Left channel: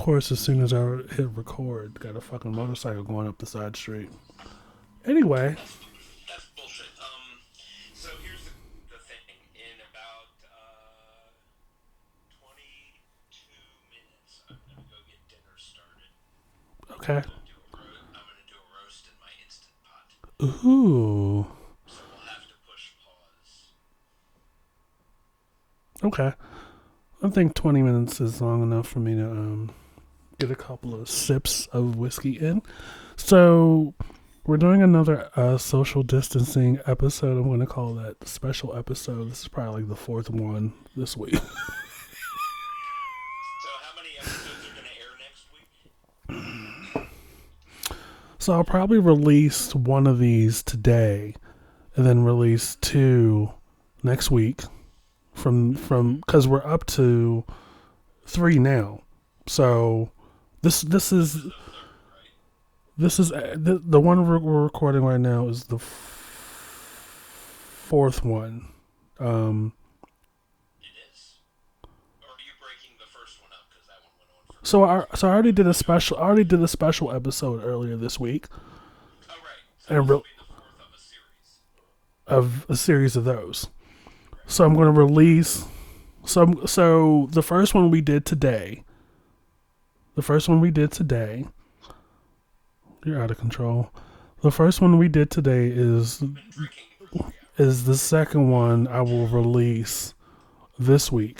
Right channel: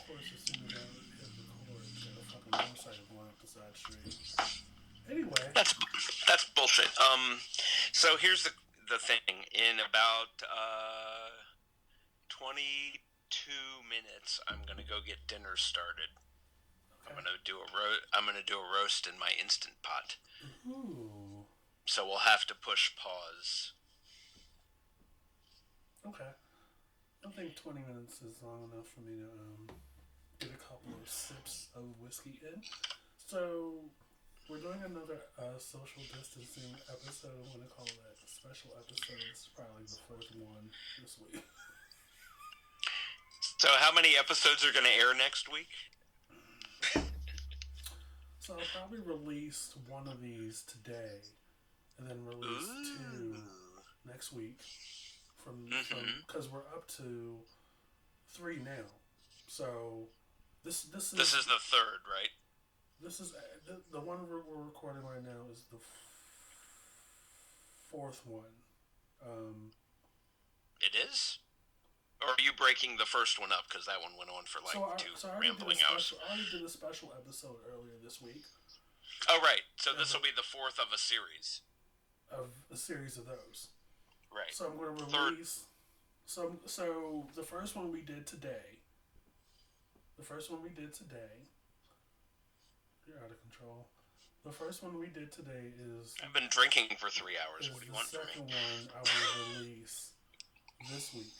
course, as soon as I hit record, got a fucking motorcycle going up the side street. Anyway, That's bullshit. So here's the thing. In about 22 minutes, I'm gonna go get dinner started. okay. I'm gonna do a roast in my instant pot. Ooh. So we'll have to push pause. Okay. I think 20 minutes is long enough for me to get a couple of sips of whiskey in. So we're doing another social distancing episode. I'm going to call that special episode. This is probably like the fourth one this week. So how many episodes are gonna air next week? So I'll probably release one of these today, and then release two next week. From because we're up to three now. So this is This is the third, right? this is the one we're recording right now is the fourth one. It is. Or are you breaking the first one up because that one went on for? Like So I already did a special. I already did a special episode earlier this week. Oh right. So this will be the fourth of a series. Of a series of those. Right. So I'm going to release. So the first one we did today. You're out of control. The first one we did today is. I've been drinking for 3 hours. Is the second one I will release this week.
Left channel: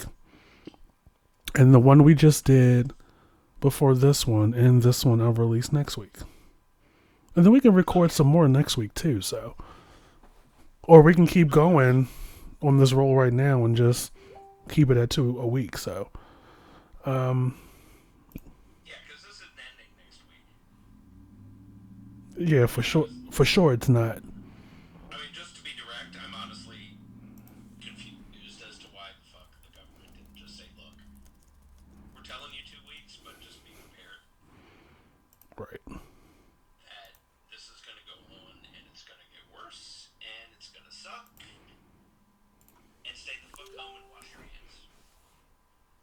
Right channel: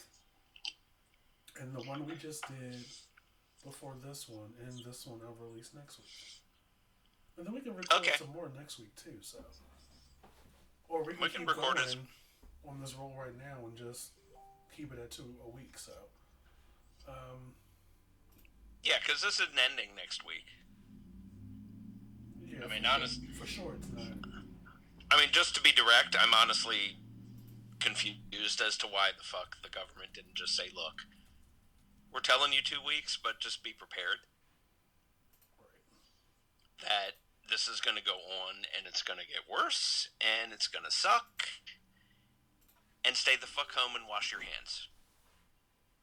And the one we just did before this one and this one I'll release next week. And then we can record some more next week too, so. Or we can keep going on this roll right now and just keep it at 2 a week, so. Yeah, because this isn't ending next week. Yeah, for sure it's not. I mean, just to be direct, I'm honestly confused as to why the fuck the government didn't just say, look, we're telling you 2 weeks, but just be prepared. Right. That this is going to go on, and it's going to get worse, and it's going to suck. And stay the fuck home and wash your hands.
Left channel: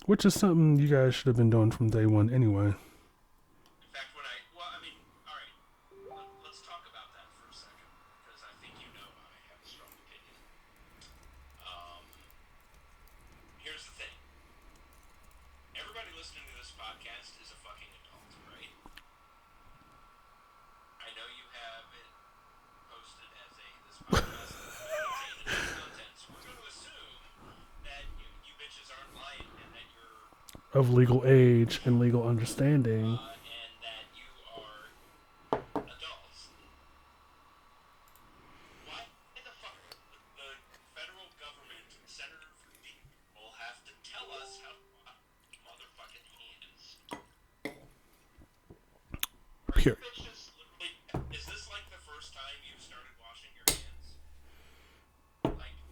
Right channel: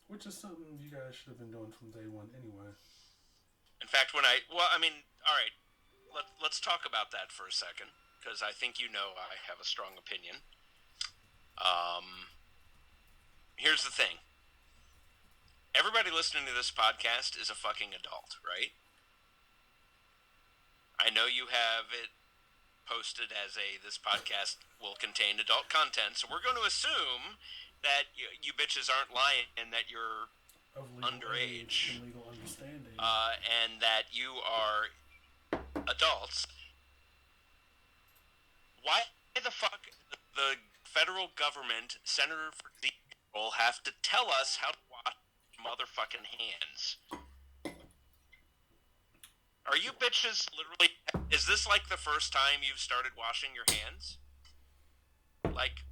Which is something you guys should have been doing from day one anyway. In fact, alright, let's talk about that for a second, because I think you know I have a strong opinion. Here's the thing. Everybody listening to this podcast is a fucking adult, right? I know you have it posted as this podcast will contain adult content, so we're going to assume that you bitches aren't lying and that you're of legal age and legal understanding. And that you are adults. Why the fuck the federal government, Senator for the will have to tell us how to wash motherfucking hands? Are you bitches literally... Is this like the first time you've started washing your hands? Like,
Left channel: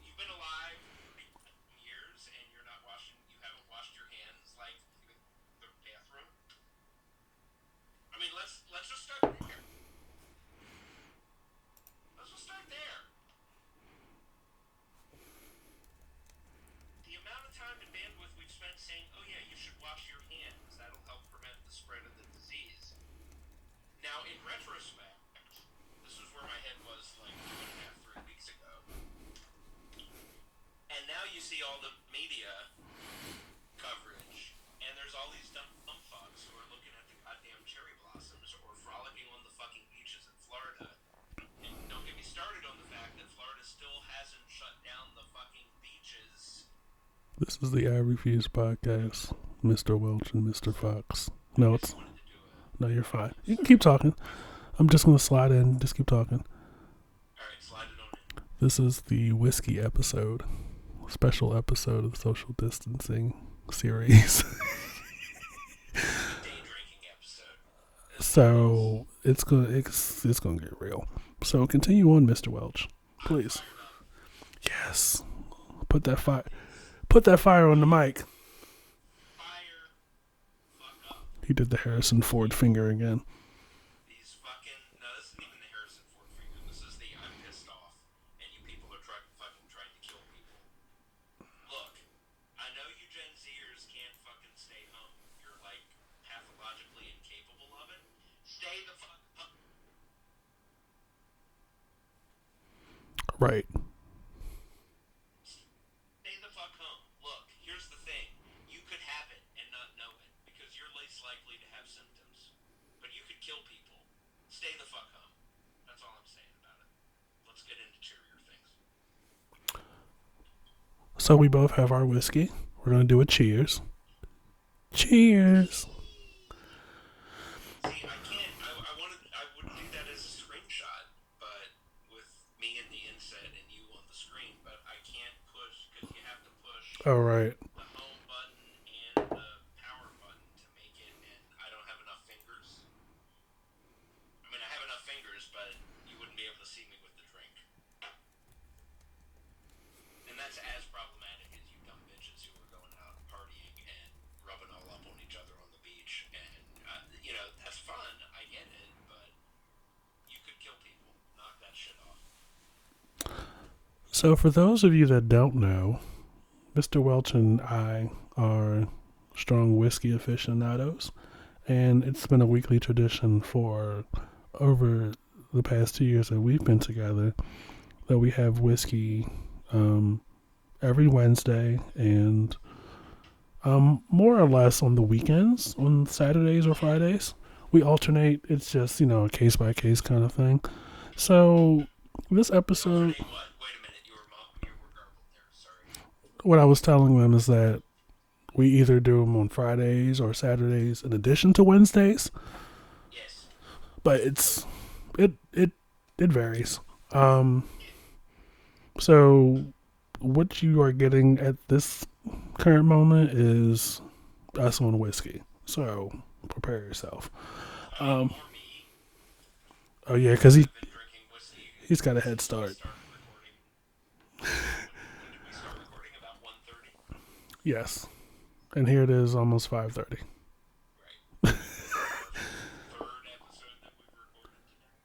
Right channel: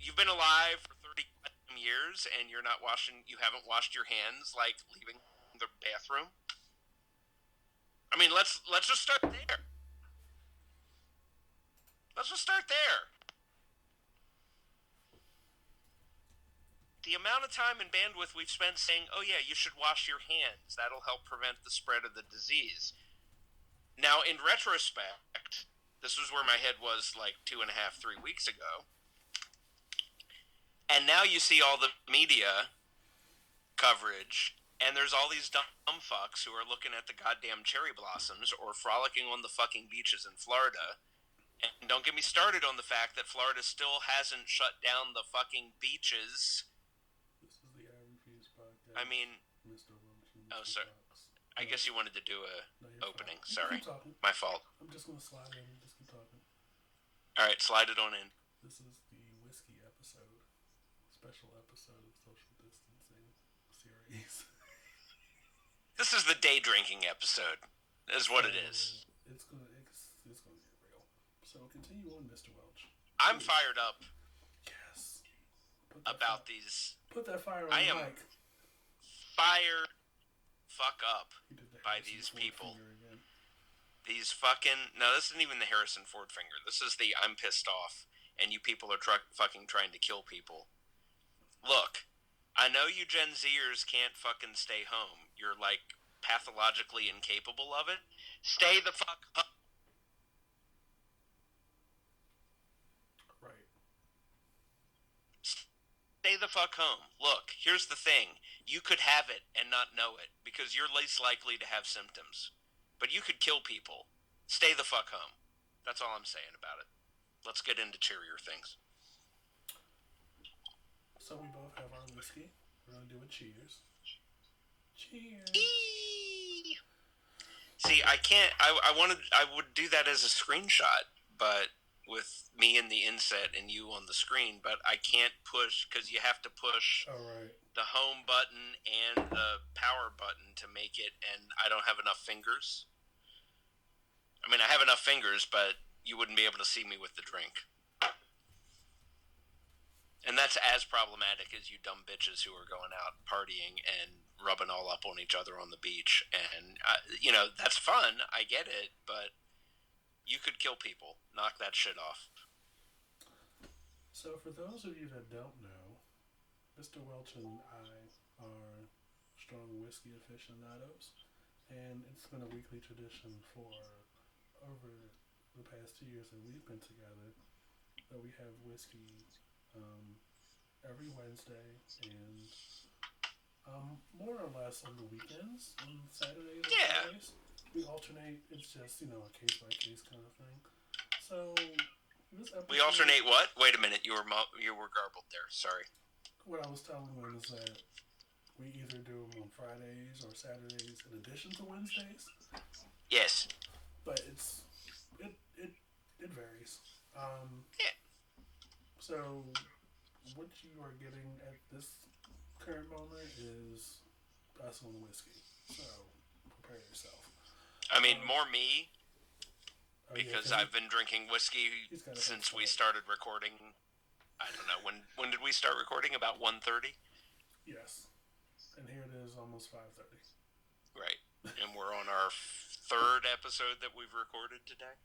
you've been alive for 30 years and you haven't washed your hands, like, leaving the bathroom? I mean, let's just start there. Let's just start there. The amount of time and bandwidth we've spent saying, oh yeah, you should wash your hands. That'll help prevent the spread of the disease. Now, in retrospect, this was where my head was like 2.5, 3 weeks ago. And now you see all the media coverage, and there's all these dumb fucks who are looking at the goddamn cherry blossoms or frolicking on the fucking beaches in Florida. And don't get me started on the fact that Florida still hasn't shut down the fucking beaches. This is the I Refuse podcast. Mr. Welch and Mr. Fox. I guess you wanted to do a... No, you're fine. You can Sorry. keep talking. My fault. I'm just going to slide in. Just keep talking. Alright, slide it on in. This is the whiskey episode. Special episode of the social distancing series. This is the day drinking episode. So it's gonna get real. So continue on, Mr. Welch. Please. I'm fired up. Yes. Put that fire. These. Put that fire on the mic. Fire. Fuck up. He did the Harrison Ford finger again. These fucking... No, this isn't even the Harrison Ford finger. This is the I'm pissed off and you people are fucking trying to kill people. Look, I know you Gen Zers can't fucking stay home. You're like pathologically incapable of it, stay the fuck home. Right. Stay the fuck home. Look, here's the thing. You could have it and not know it because you're least likely to have symptoms. But you could kill people. Stay the fuck home. That's all I'm saying about it. Let's get into cheerier things. So we both have our whiskey. We're going to do a cheers. Cheers. See, I can't. I would do that as a screenshot, but with me in the inset and you on the screen, but I can't push because you have to push All right. the home button and the power button to make it, and I don't have enough fingers. I mean, I have enough fingers, but you wouldn't be able to see me with the drink. And that's as problematic as you dumb bitches who are going out partying and rubbing all up on each other on the beach. And, that's fun. I get it. But you could kill people. Knock that shit off. So for those of you that don't know, Mr. Welch and I are strong whiskey aficionados. And it's been a weekly tradition for over the past 2 years that we've been together that we have whiskey every Wednesday and more or less on the weekends, on Saturdays or Fridays. We alternate. It's just, a case-by-case kind of thing. So this episode... We alternate what? Wait a minute. You were garbled there. Sorry. What I was telling them is that we either do them on Fridays or Saturdays in addition to Wednesdays. Yes. But it varies. So what you are getting at this current moment is us on whiskey. So prepare yourself. I mean, more me. Oh yeah, because I've been drinking whiskey. He's got a head start. We started recording. I don't know, when did we start recording? About 1:30. Yes, and here it is, almost 5:30. Right, and we're on our third episode that we've recorded today.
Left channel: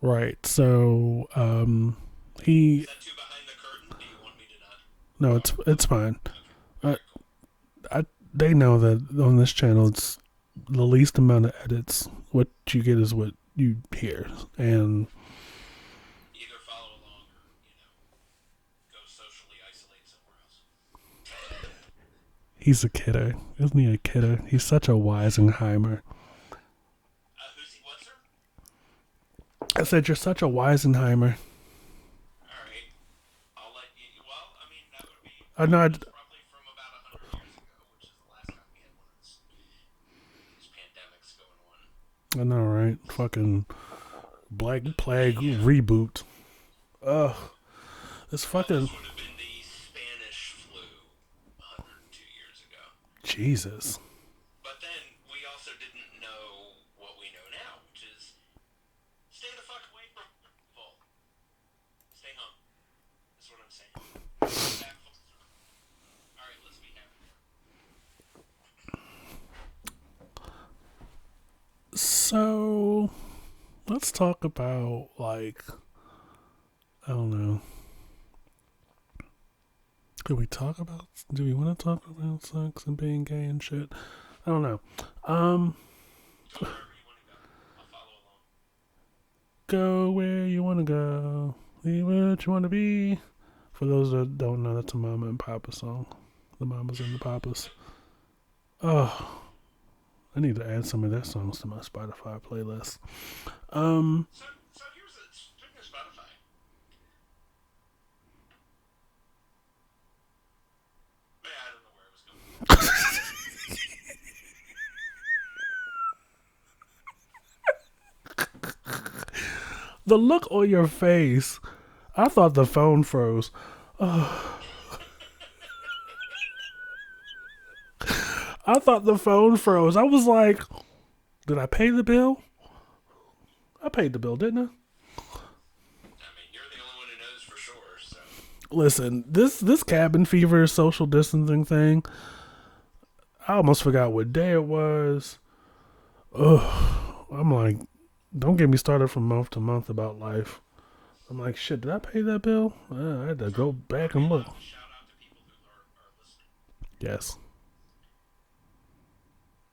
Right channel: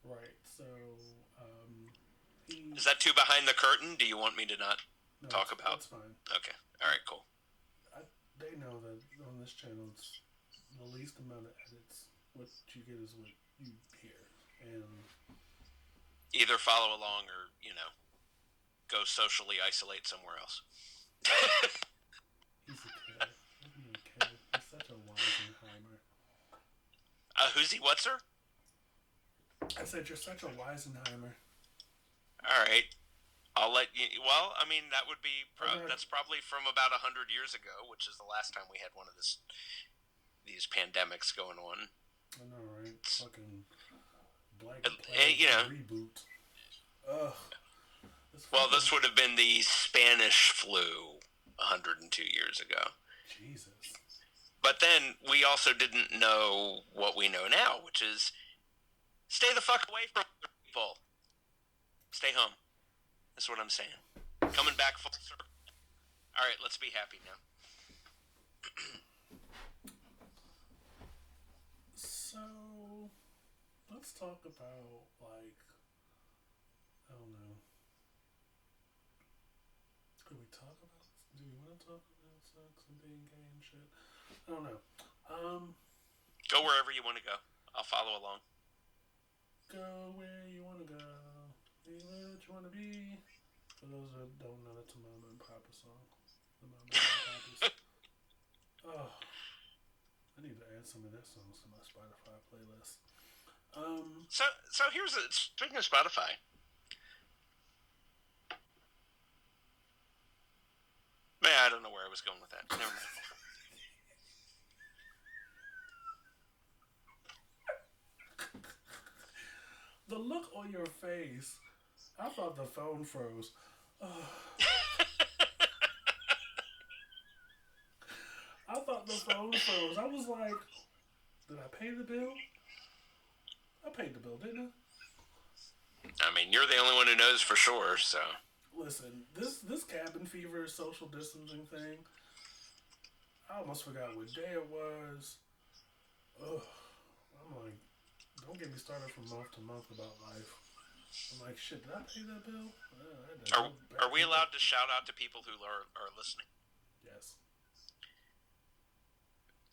Right. So Is that too behind the curtain? Do you want me to not? No, it's fine. Okay. All right. Cool. They know that on this channel, it's the least amount of edits. What you get is what you hear, and either follow along or go socially isolate somewhere else. He's a kidder, isn't he? A kidder. He's such a Weisenheimer. Who's he? What, sir? I said you're such a Weisenheimer. All right. I'll let you. Well, I mean, that would be. That's probably from about 100 years ago, which is the last time we had one of these pandemics going on. I know, right? Fucking Black Plague reboot. Ugh. This fucking. Well, this would have been the Spanish flu 102 years ago. Jesus. But then we also didn't know what we know now, which is stay the fuck away from people. Stay home. That's what I'm saying. Coming back full circle. All right, let's be happy now. So, let's talk about, I don't know. Do we want to talk about sex and being gay and shit? I don't know. Go wherever you want to go. I'll follow along. Go where you want to go. Be what you want to be. For those that don't know, that's a Mama and Papa song. The Mamas and the Papas. Oh, I need to add some of their songs to my Spotify playlist. So here's speaking of Spotify. Man, I don't know where I was going with that. The look on your face. I thought the phone froze. I thought the phone froze. I was like, did I pay the bill? I paid the bill, didn't I? I mean, you're the only one who knows for sure, so. Listen, this cabin fever social distancing thing, I almost forgot what day it was. Ugh. I'm like, don't get me started from month to month about life. I'm like, shit, did I pay that bill? I had to go back and look. Are we allowed to shout out to people who are listening? Yes.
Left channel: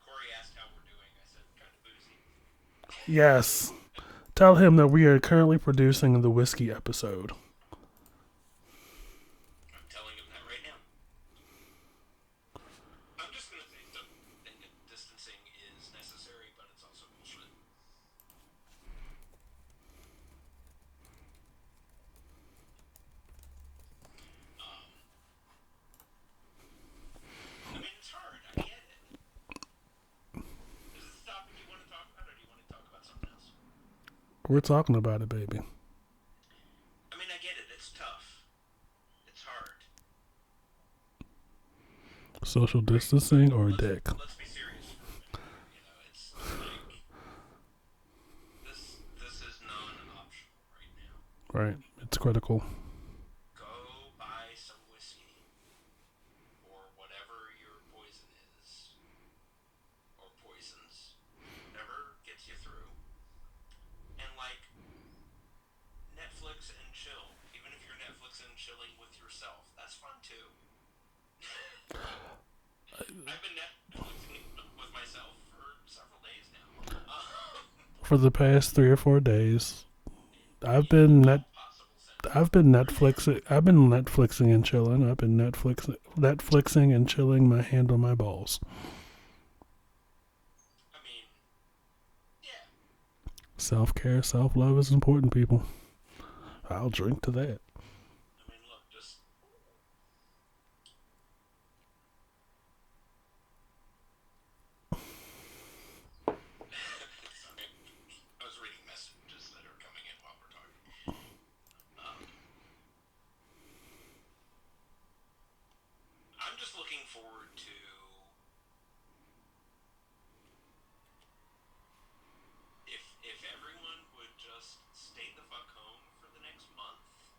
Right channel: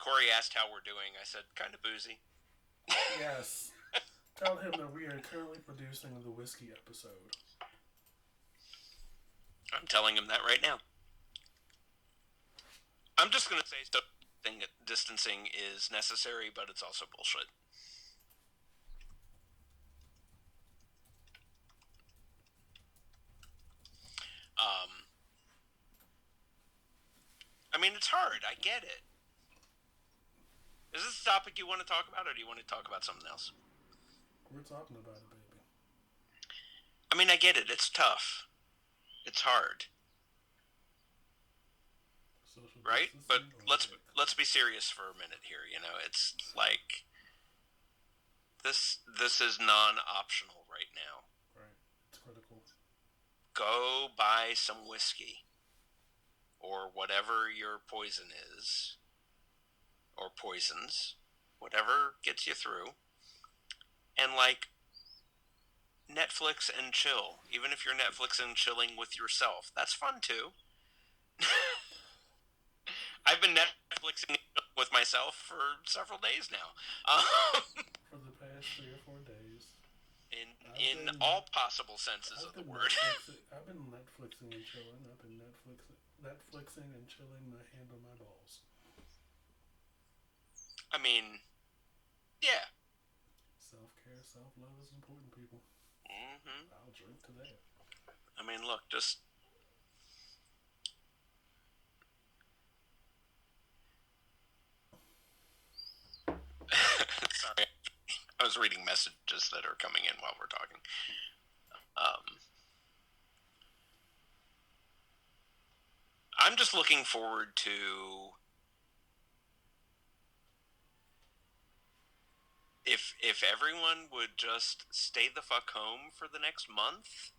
Corey asked how we're doing. I said, kind of boozy. Yes. Tell him that we are currently producing the whiskey episode. I'm telling him that right now. I'm just going to say distancing is necessary, but it's also bullshit. I mean, it's hard. I get it. Is this a topic you want to talk about, or do you want to talk about something else? We're talking about it, baby. I mean, I get it. It's tough. It's hard. Social right? distancing but or let's, dick? Let's be serious for a minute here. You know, it's like this is non-optional right now. Right. It's critical. Go buy some whiskey or whatever your poison is, or poisons, whatever gets you through, and like Netflix and chill. Even if you're Netflix and chilling with yourself, that's fun too. I've been Netflixing with myself for several days now. For the past 3 or 4 days, I've been possible senses. I've been Netflixing and chilling. I've been Netflixing and chilling my hand on my balls. I mean, yeah. Self-care, self-love is important, people. Mm-hmm. I'll drink to that. I mean, look, just sorry, I was reading messages that are coming in while we're talking. I'm just looking forward to if everyone would just stay the fuck home for the next month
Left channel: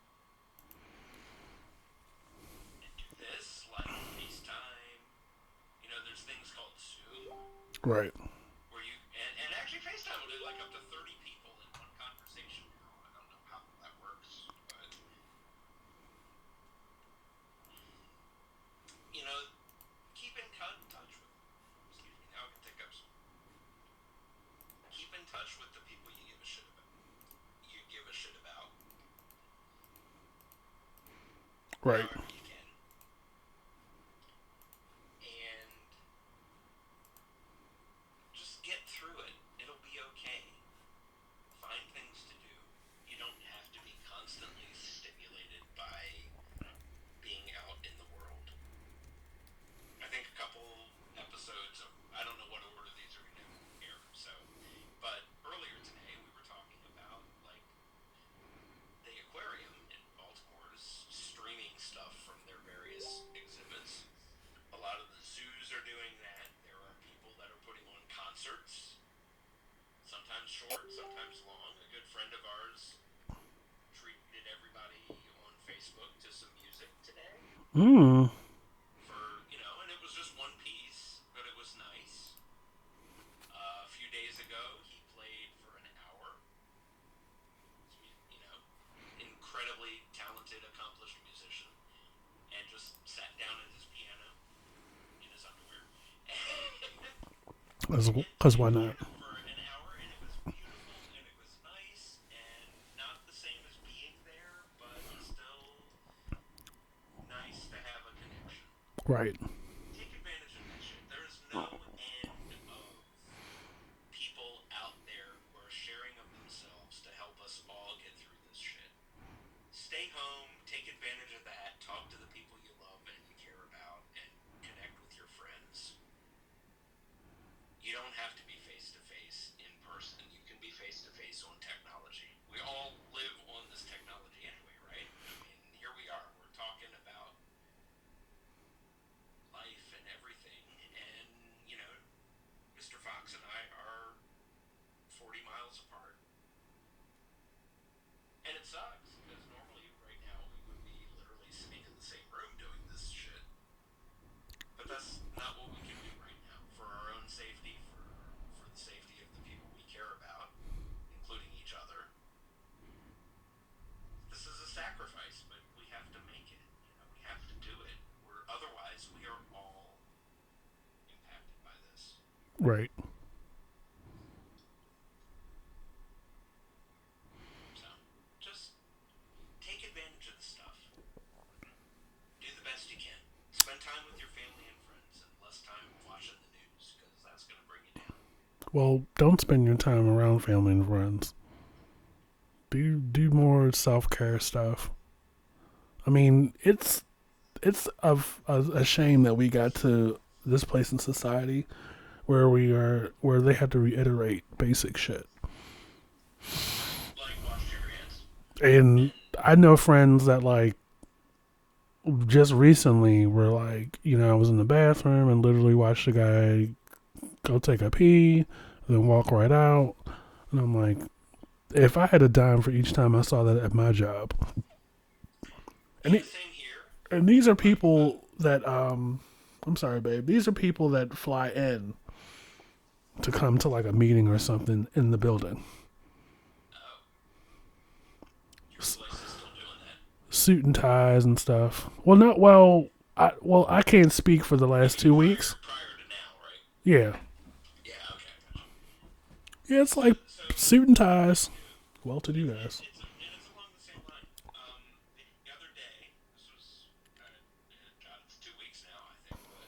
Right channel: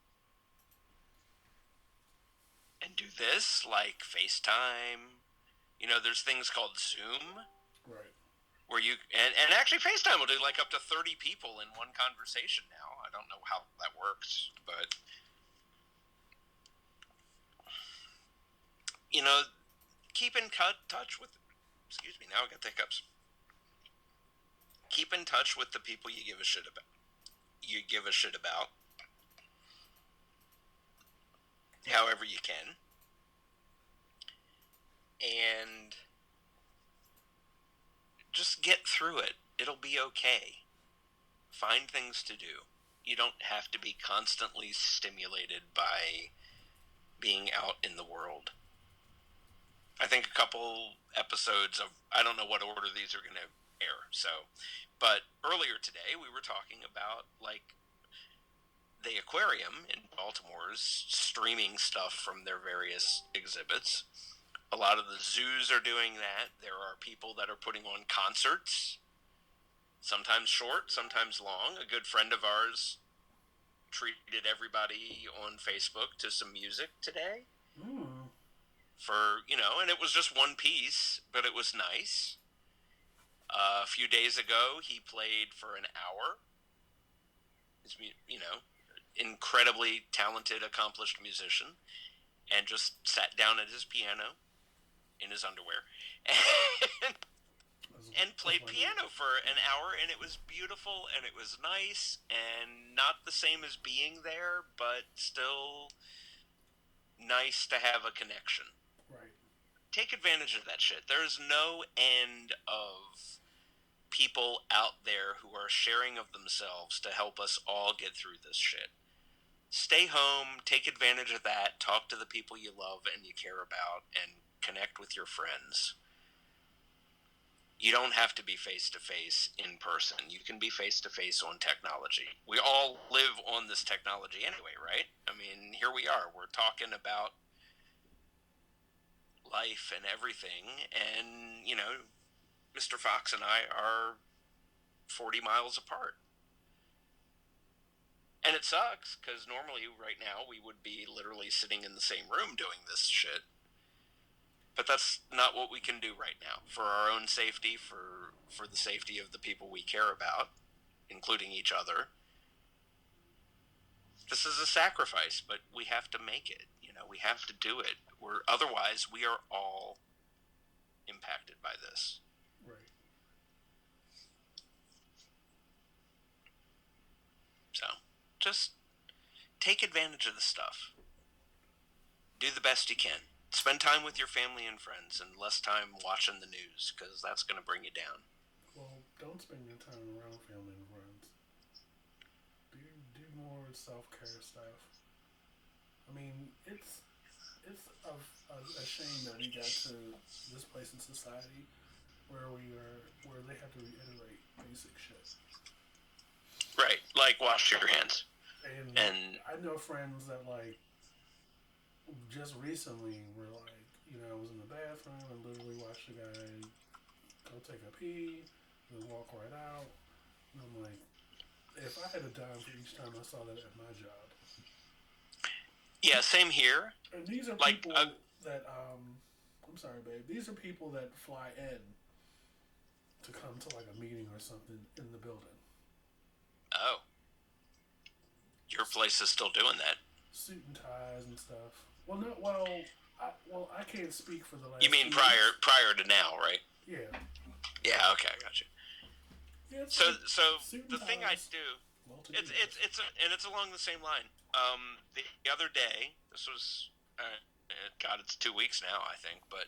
and do this, like FaceTime. You know, there's things called Zoom. Right. Where you and actually FaceTime will do like up to 30 people in one conversation now. I don't know how that works, but you know, keep in touch with. Excuse me, now I got the hiccups. Keep in touch with the people you give a shit about. Right. However you can, and just get through it. It'll be okay. Find things to do. You don't have to be constantly stimulated by being out in the world. I think a couple episodes of, I don't know what order these are going to air, but earlier today we were talking about, like, the aquarium in Baltimore's streaming stuff from their various exhibits. A lot of the zoos are doing that. There are people that are putting on concerts, sometimes short, sometimes long. A good friend of ours treated everybody on Facebook to some music today. For, you know, and it was just one piece, but it was nice. A few days ago, he played for an hour. He's, you know, incredibly talented, accomplished musician, and just sat down at his piano in his underwear and played piano for an hour, and it was beautiful, and it was nice, and not the same as being there, but still nice to have a connection. Right. Take advantage of that shit. There's no end of people out there who are sharing of themselves to help us all get through this shit. Stay home, take advantage of that, talk to the people you love and you care about, and connect with your friends. You don't have to be face-to-face in person. You can be face-to-face on technology. We all live on this technology anyway, right? I mean, here we are. We're talking about life and everything, and, you know, Mr. Fox and I are 40 miles apart. And it sucks, because normally right now we would be literally sitting in the same room doing this shit. But that's not what we can do right now. For our own safety, for the safety of the people we care about, including each other. This is a sacrifice, but we have to make it. You know, we have to do it. Otherwise, we are all impacted by this. Right. So, just take advantage of the stuff. Do the best you can. Spend time with your family and friends and less time watching the news because that's going to bring you down. Well, don't spend your time around family and friends. Do more self care stuff. I mean, it's a shame that we got to this place in society where they have to reiterate basic shit. Right. Like wash your hands. And And I know friends that like just recently were like, I was in the bathroom and literally watched a guy go take a pee, then walk right out. And I'm like, if I had a dime for each time I saw that at my job. yeah, same here. And these are Like, people that I'm sorry, babe. These are people that fly in to come to like a meeting or something in the building. oh, your place is still doing that. Suit and ties and stuff. Well, not well. I can't speak for the You last mean 2 weeks. prior to now, right? Yeah, Yeah. Okay, I got you. yeah. It's So like so suit and the thing I ties. do, Well-to-do guys. and it's along the same line. The other day, this was, God, it's 2 weeks now, I think, but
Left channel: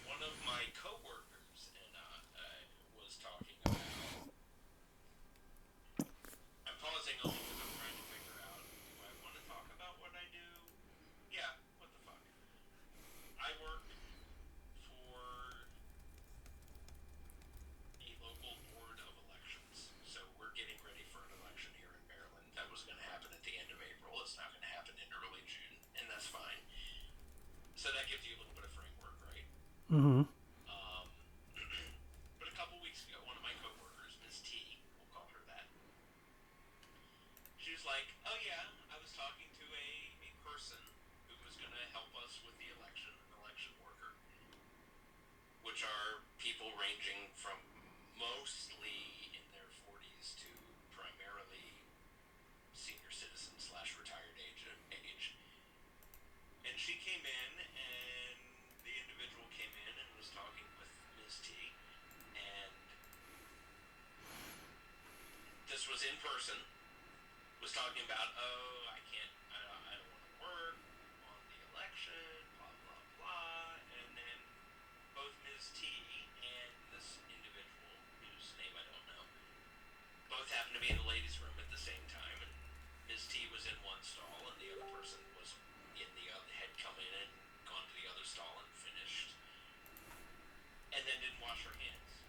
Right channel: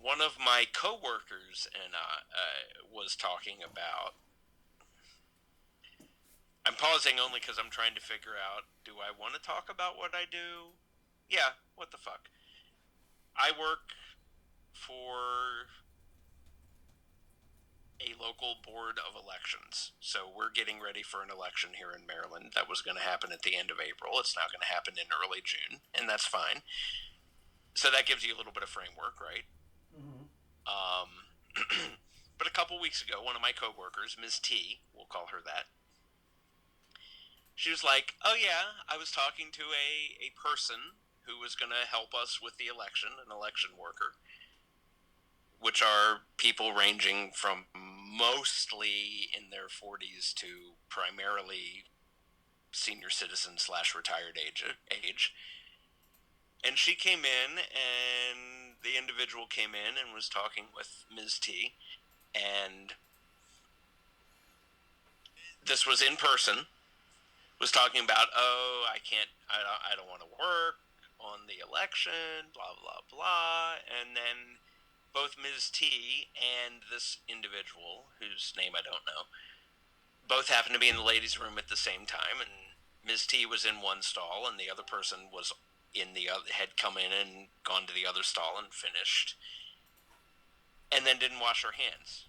one of my coworkers and I was talking about. I'm pausing only because I'm trying to figure out: do I want to talk about what I do? Yeah, what the fuck? I work for a local board of elections. So we're getting ready for an election here in Maryland that was going to happen at the end of April. It's now going to happen in early June, and that's fine. So that gives you a little bit of framework, right? Mm-hmm. Um, but a couple weeks ago, one of my coworkers, Ms. T, we'll call her that, she was like, "Oh yeah, I was talking to a person who was going to help us with the election, an election worker, which are people ranging from mostly in their 40s to primarily senior citizen / retired age. And she came in, and the individual came in and was talking with Ms. T, and this was in person, was talking about, oh, I don't want to work on the election, blah, blah, blah, and then both Ms. T and this individual, whose name I don't know, both happened to be in the ladies' room at the same time, and Ms. T was in one stall, and the other person was in the other, had come in and gone to the other stall and finished, and then didn't wash her hands.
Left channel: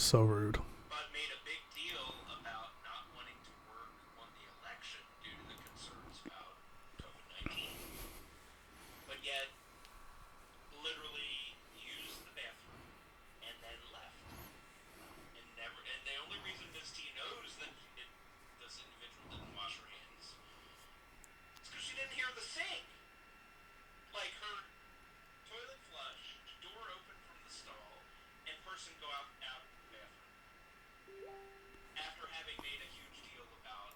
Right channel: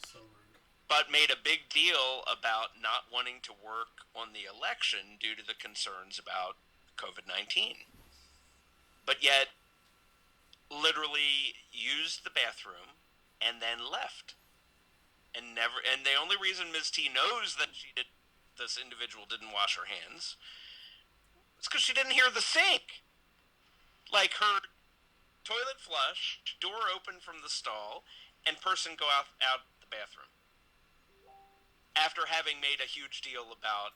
So rude. But made a big deal about not wanting to work on the election due to the concerns about COVID-19. But yet, literally used the bathroom and then left. And the only reason Ms. T knows that this individual didn't wash her hands is because she didn't hear the sink. Like, her toilet flush, door open from the stall, and person go out the bathroom. After having made a huge deal about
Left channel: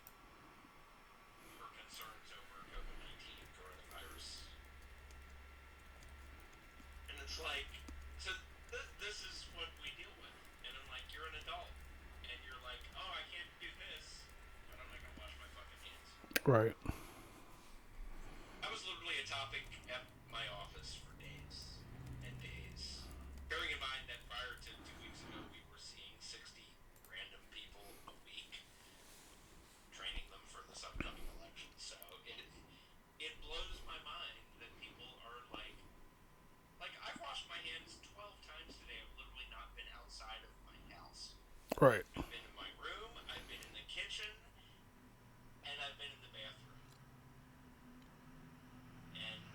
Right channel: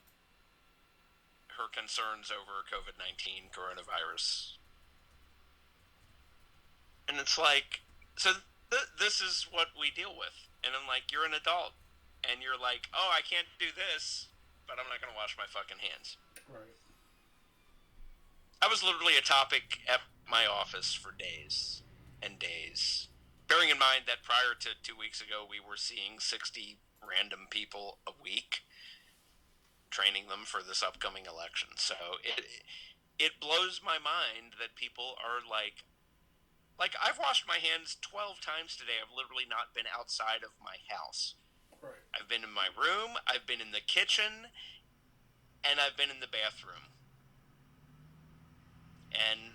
her concerns over COVID-19 coronavirus. And it's like, so this is what we deal with. And I'm like, you're an adult. And you're like, oh, I can't do this, but I'm not going to wash my fucking hands. Right. I was literally a topic at my office for days and days. Bearing in mind that prior to 2 weeks ago, we were seeing 60 random people a week, training them for this upcoming election. So it blows my mind that people are like I've washed my hands 12 times today. I've literally not been outside of my house. Right. I've been in my room, I've been in the kitchen, and I've been in the bathroom. And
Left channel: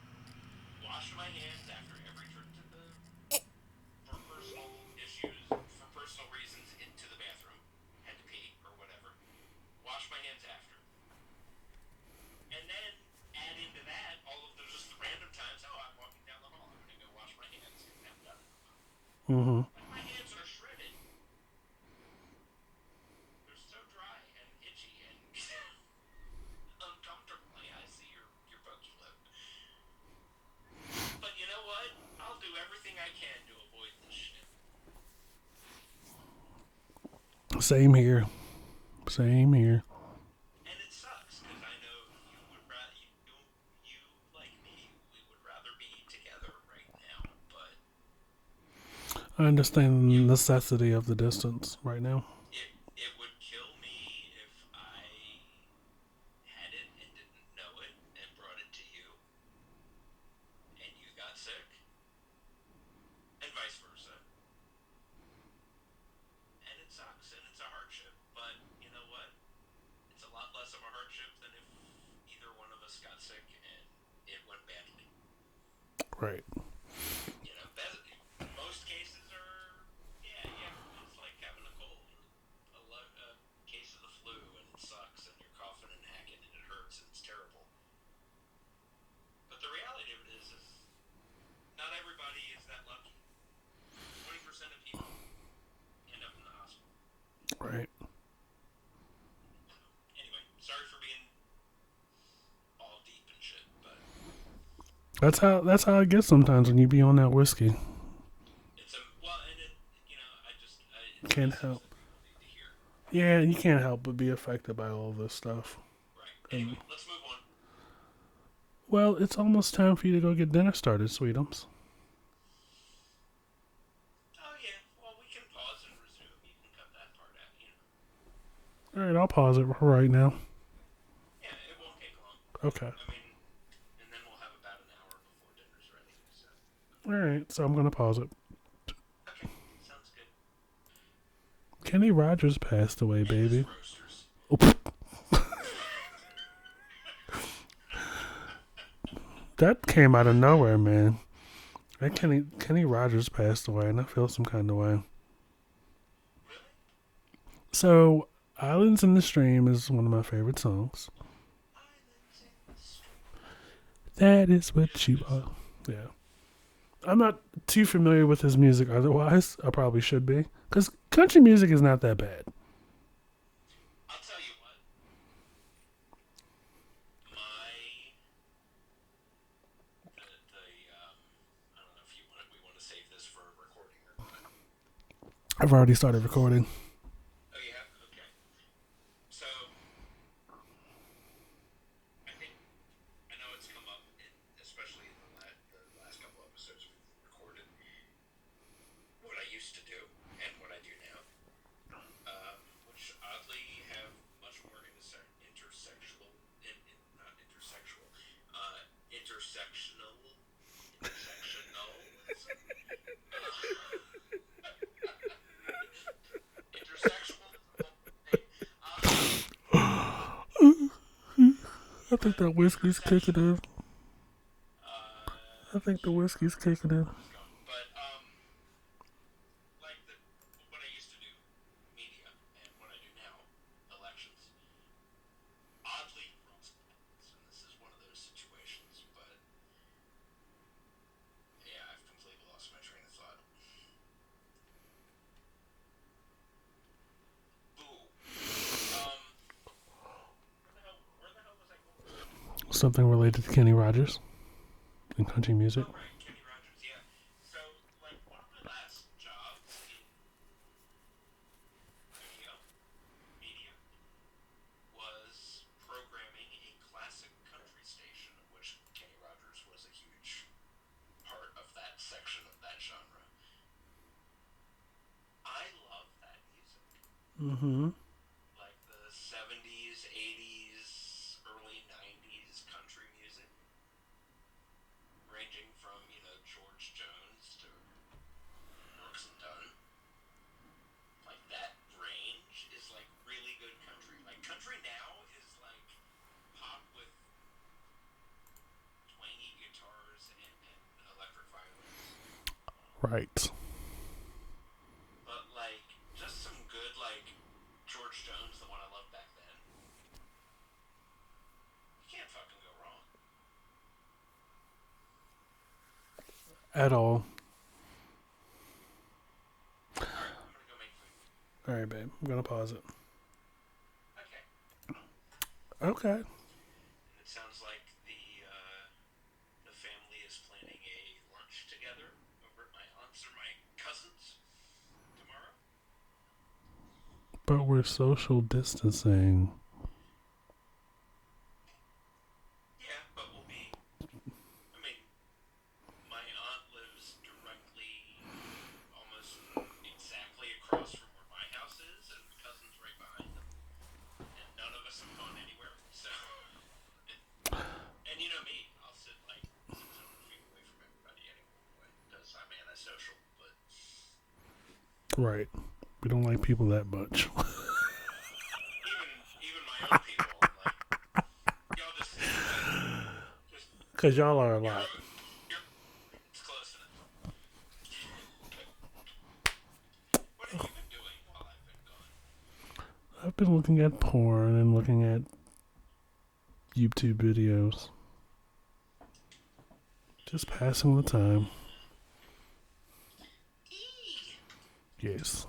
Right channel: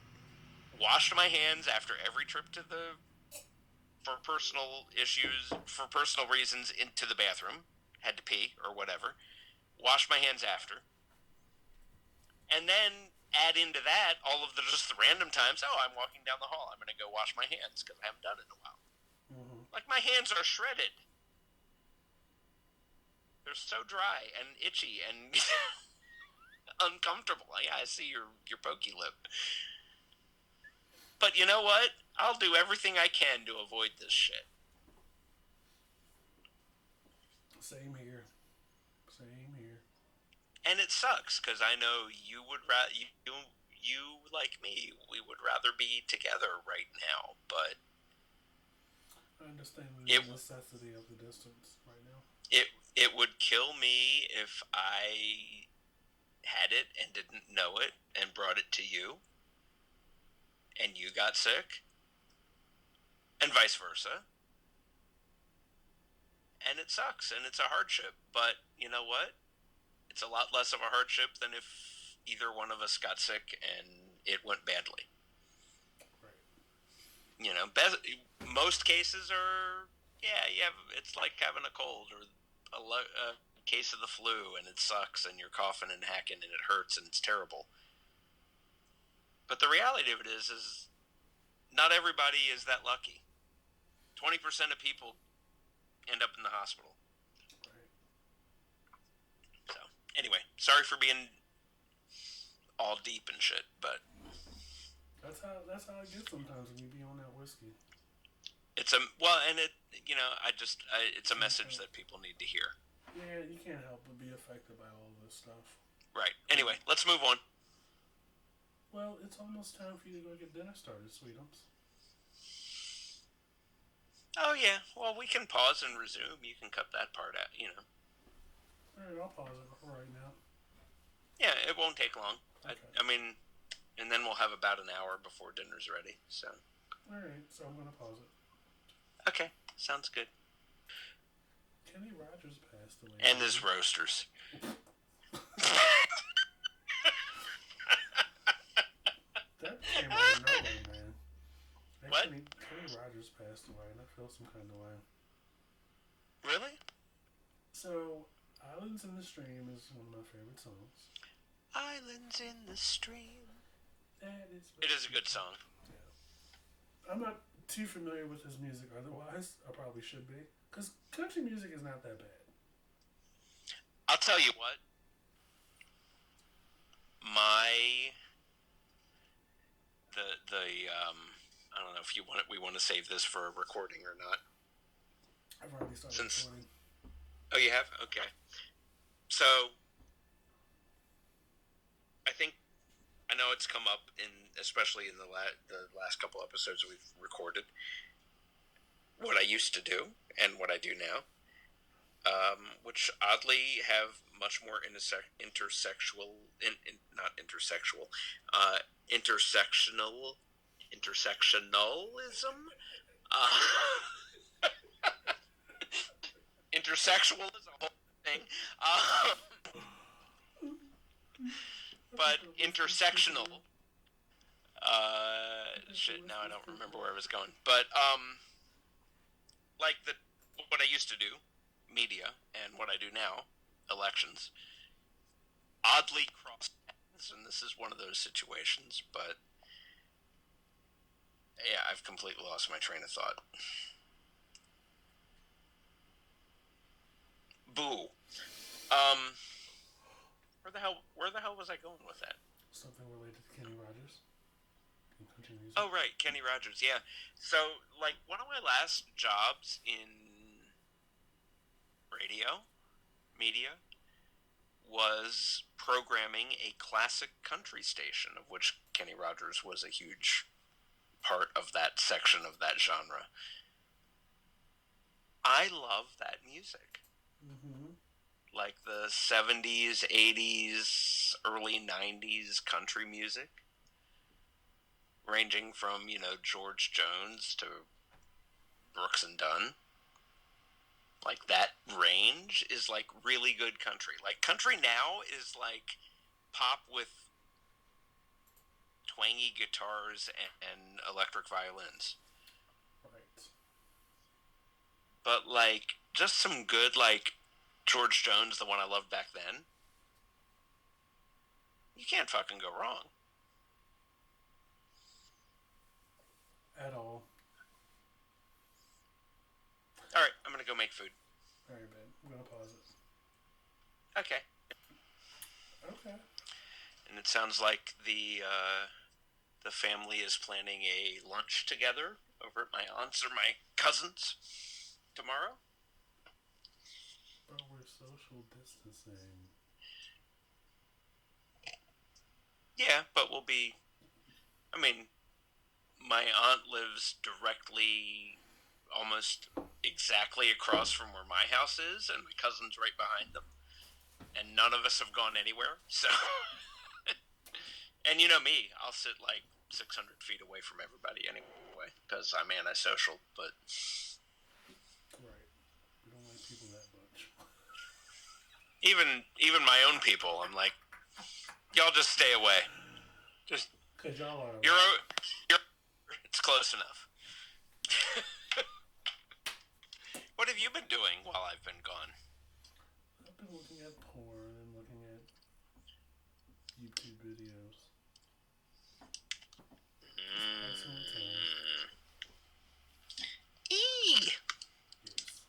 washed my hands after every trip for personal issues, for personal reasons, into the bathroom. Had to pee or whatever. Wash my hands after. And then add into that all of the just the random times, oh, I'm walking down the hall, I'm going to go wash my hands because I haven't done it in a while. Mm-hmm. Like, my hands are shredded. They're so dry and itchy and uncomfortable. Yeah, I see your pokey lip. But you know what? I'll do everything I can to avoid this shit. Same here. Same here. And it sucks because I know you would you like me, we would rather be together right now, but I understand the it necessity of the distance right now. it would kill me if I had it and didn't know it and brought it to you, and you got sick, and vice versa. And it sucks, and it's a hardship. But you know what? It's a lot less of a hardship than if either one of us got sick and it went badly. Right. You know, most cases are, yeah, it's like having a cold or a case of the flu, and it sucks, and you're coughing and hacking, and it hurts, and it's terrible. But the reality of it is not everybody is that lucky. 20% of people end up in the hospital. Right. So, anyway, sorry for being all deep and shit, but that's how it gets sometimes when you be on that whiskey. it's and it, it's a message that people need to hear. Yeah, you can't help but be affected by all this stuff. Right. Anyway, let's move on. Well, it's almost time for you to go get dinner started, Sweetums. Oh yeah. Well, we can pause and resume. You can cut that part out. All right, I'll pause it right now. Yeah, it won't take long. Okay. I mean, and then we'll have about an hour before dinner's ready. So. All right, so I'm gonna pause it. Okay, sounds good. Kenny Rogers passed away, and baby. his roasters. That came out of nowhere, man. Kenny Rogers passed away, and I feel some kind of way. Really? So, Islands in the Stream is one of my favorite songs. Islands in the Stream. That is what it is a good song. Yeah. I'm not too familiar with his music otherwise. I probably should be. Because country music is not that bad. I'll tell you what. I don't know if we want to save this for a recording or not. I've already started recording. Oh, you have? Okay. So, I know it's come up especially in the last couple episodes we've recorded, what I used to do and what I do now, which oddly have much more intersectionalism. Intersexual is a whole thing. I think that whiskey's kicking in. I think the whiskey's kicking in. Where I was going, but like what I used to do, media, and what I do now, elections, oddly cross paths, and this is one of those situations. But yeah, I've completely lost my train of thought. Boo. Where the hell was I going with that? Something related to Kenny Rogers and country music. Oh, right, Kenny Rogers, yeah. So, like, one of my last jobs in radio, media, was programming a classic country station, of which Kenny Rogers was a huge part of that section of that genre. I love that music. Mm-hmm. Like the 70s, 80s, early 90s country music. Ranging from, George Jones to Brooks and Dunn. Like, that range is, like, really good country. Like, country now is, like, pop with twangy guitars and electric violins. Right. But, like, just some good, like, George Jones, the one I loved back then. You can't fucking go wrong. At all. Alright, I'm gonna go make food. Alright, babe. I'm gonna pause it. Okay. Okay. And it sounds like the the family is planning a lunch together over at my aunt's or my cousin's tomorrow. But we're social distancing. Yeah, but we'll be. I mean, my aunt lives directly, almost exactly across from where my house is, and my cousin's right behind them. And none of us have gone anywhere, so. And you know me, I'll sit like 600 feet away from everybody anyway, because I'm antisocial, but. Right. We don't like people that much. Even my own people, I'm like, y'all just stay away. Just. Because y'all are like. It's close enough. What have you been doing while I've been gone? I've been looking at porn and looking at YouTube videos. Just passing the time. Yes.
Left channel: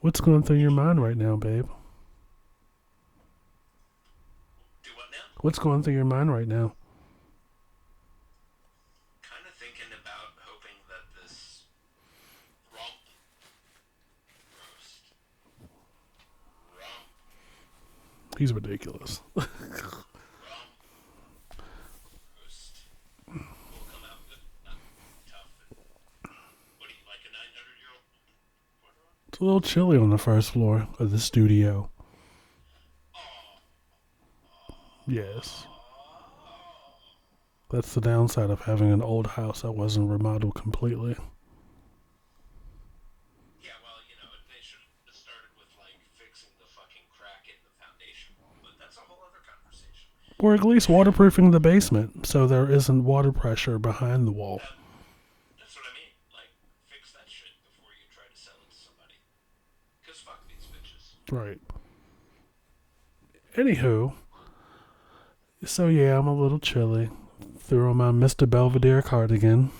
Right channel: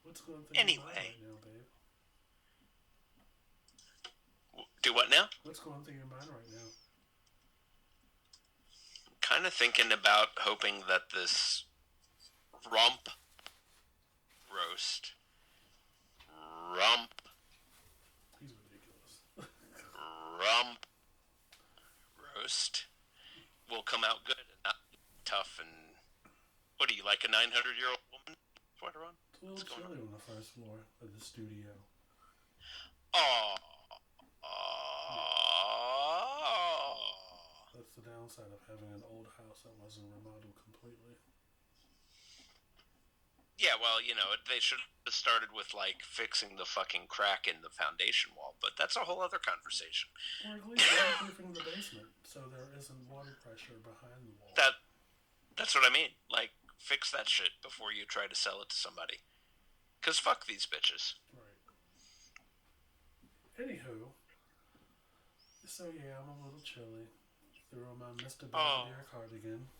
What's going through your mind right now, babe? Do what now? What's going through your mind right now? Kind of thinking about hoping that this rump roast. He's ridiculous. Rump roast will come out good and not tough. And what are you, like a 900-year-old woman? It's a little chilly on the first floor of the studio. Oh. Yes. That's the downside of having an old house that wasn't remodeled completely. Yeah, well, you know, they should have started with, like, fixing the fucking crack in the foundation wall, but that's a whole other conversation. Or at least waterproofing the basement so there isn't water pressure behind the wall. That's what I mean. Like, fix that shit before you try to sell it to somebody. Because fuck these bitches. Right. Anywho, so yeah, I'm a little chilly. Threw on my Mr. Belvedere cardigan.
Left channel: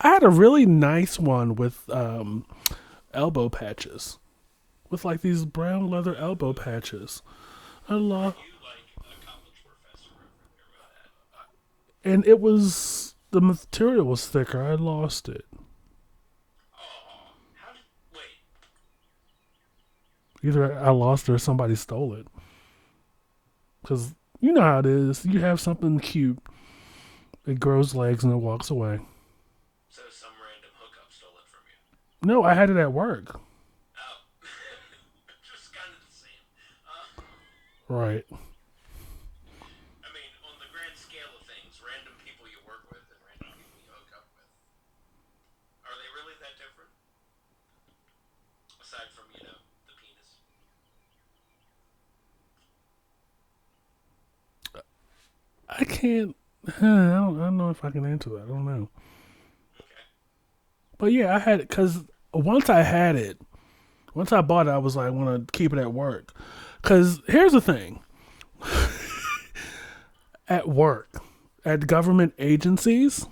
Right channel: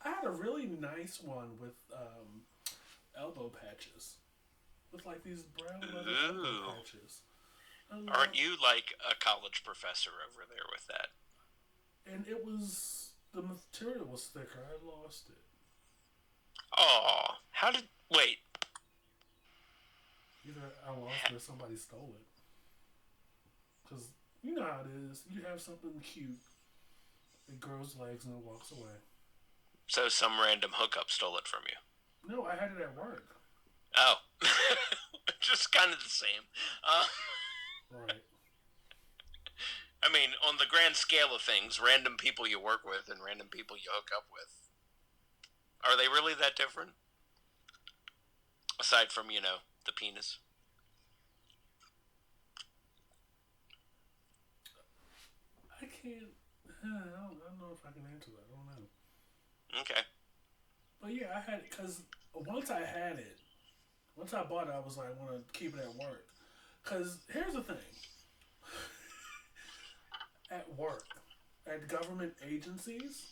I had a really nice one with elbow patches. With like these brown leather elbow patches. Aren't you like a college professor over there with that? And it was, the material was thicker. I lost it. Oh, wait. Either I lost it or somebody stole it. Because you know how it is. You have something cute. It grows legs and it walks away. So some random hookup stole it from you? No, I had it at work. Oh. Just kind of the same. Right. I mean, on the grand scale of things, random people you work with and random people you hook up with, are they really that different? Aside from, you know, the penis. I can't. I don't know if I can answer that. I don't know. Okay. But yeah, I had it because once I bought it, I was like, I want to keep it at work. Because here's the thing. At work, at government agencies,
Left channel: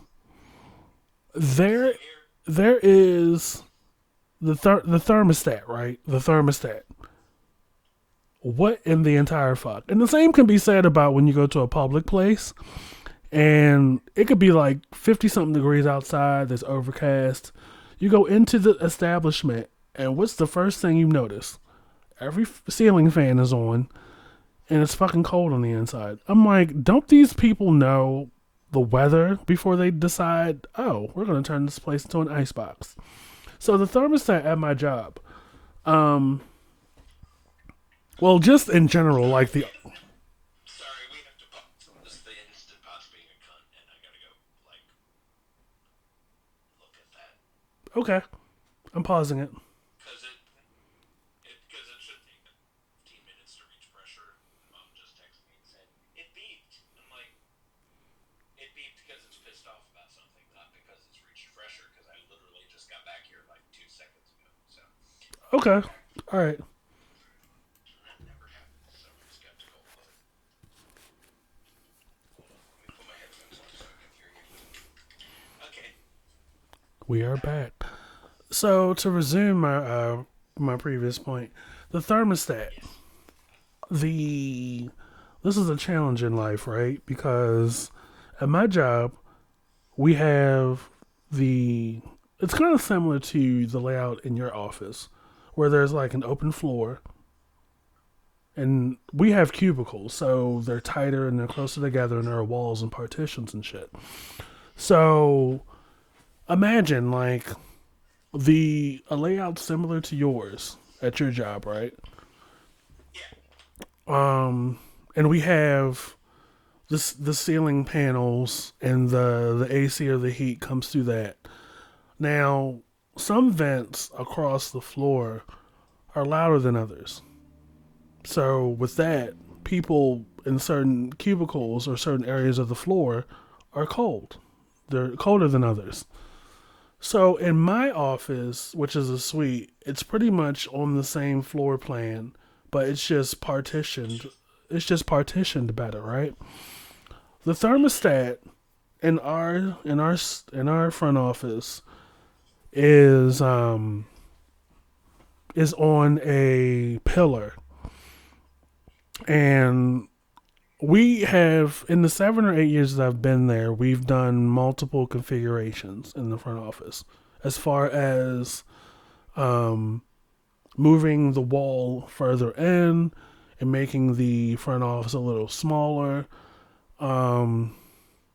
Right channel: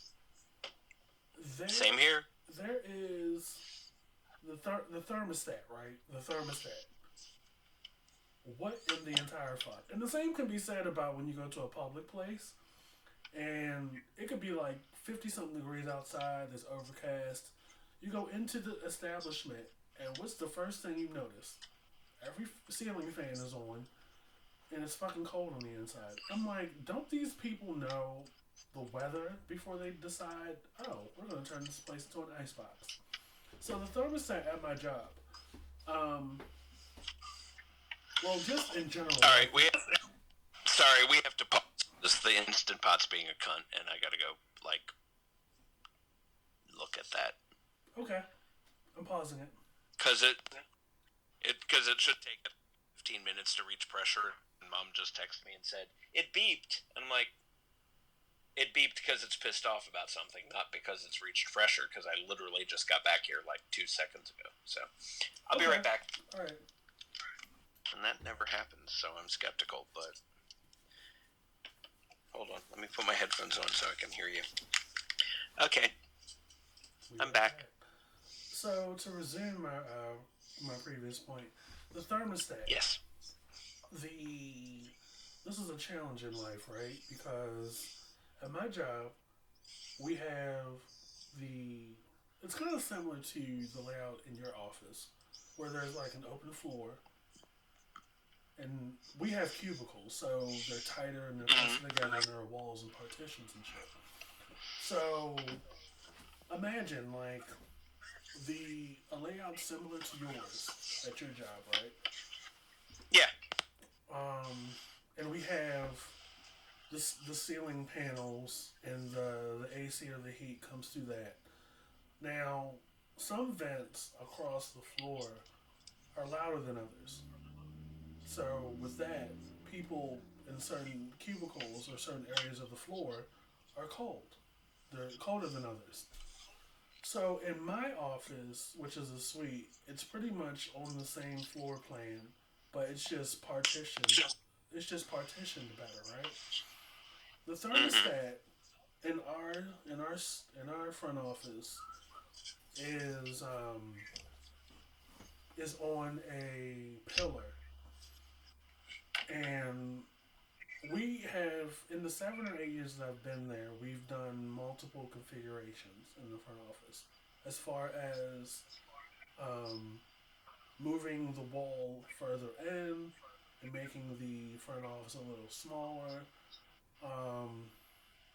there is the thermostat, right? The thermostat. What in the entire fuck? And the same can be said about when you go to a public place and it could be like 50-something degrees outside, there's overcast. You go into the establishment and what's the first thing you notice? Every ceiling fan is on and it's fucking cold on the inside. I'm like, don't these people know the weather before they decide, oh, we're going to turn this place into an icebox? So the thermostat at my job, well, just in general, like sorry, we have to pause. This the Instant Pot's being a cunt, and I gotta go, like, look at that. Okay, I'm pausing it. Because it should take 15 minutes to reach pressure, and Mom just texted me and said, it beeped. And I'm like, it beeped because it's pissed off about something, not because it's reached pressure, because I literally just got back here like 2 seconds ago. So, I'll be right back. All right. And that never happens, so I'm skeptical, but... Hold on, let me put my headphones on so I can hear you. Okay. We are back. So, to resume my previous point, the thermostat. Yes. the this is a challenge in life, right? Because at my job, we have the it's kind of similar to the layout in your office where there's like an open floor and we have cubicles, so they're tighter and they're closer together and there are walls and partitions and shit. So imagine like the a layout similar to yours at your job, right? Yeah. And we have this the ceiling panels and the AC or the heat comes through that. Now, some vents across the floor are louder than others. So with that, people in certain cubicles or certain areas of the floor are cold. They're colder than others. So in my office, which is a suite, it's pretty much on the same floor plan, but it's just partitioned. It's just partitioned better, right? The thermostat in our front office is is on a pillar, and we have in the 7 or 8 years that I've been there, we've done multiple configurations in the front office, as far as um, moving the wall further in and making the front office a little smaller. Um,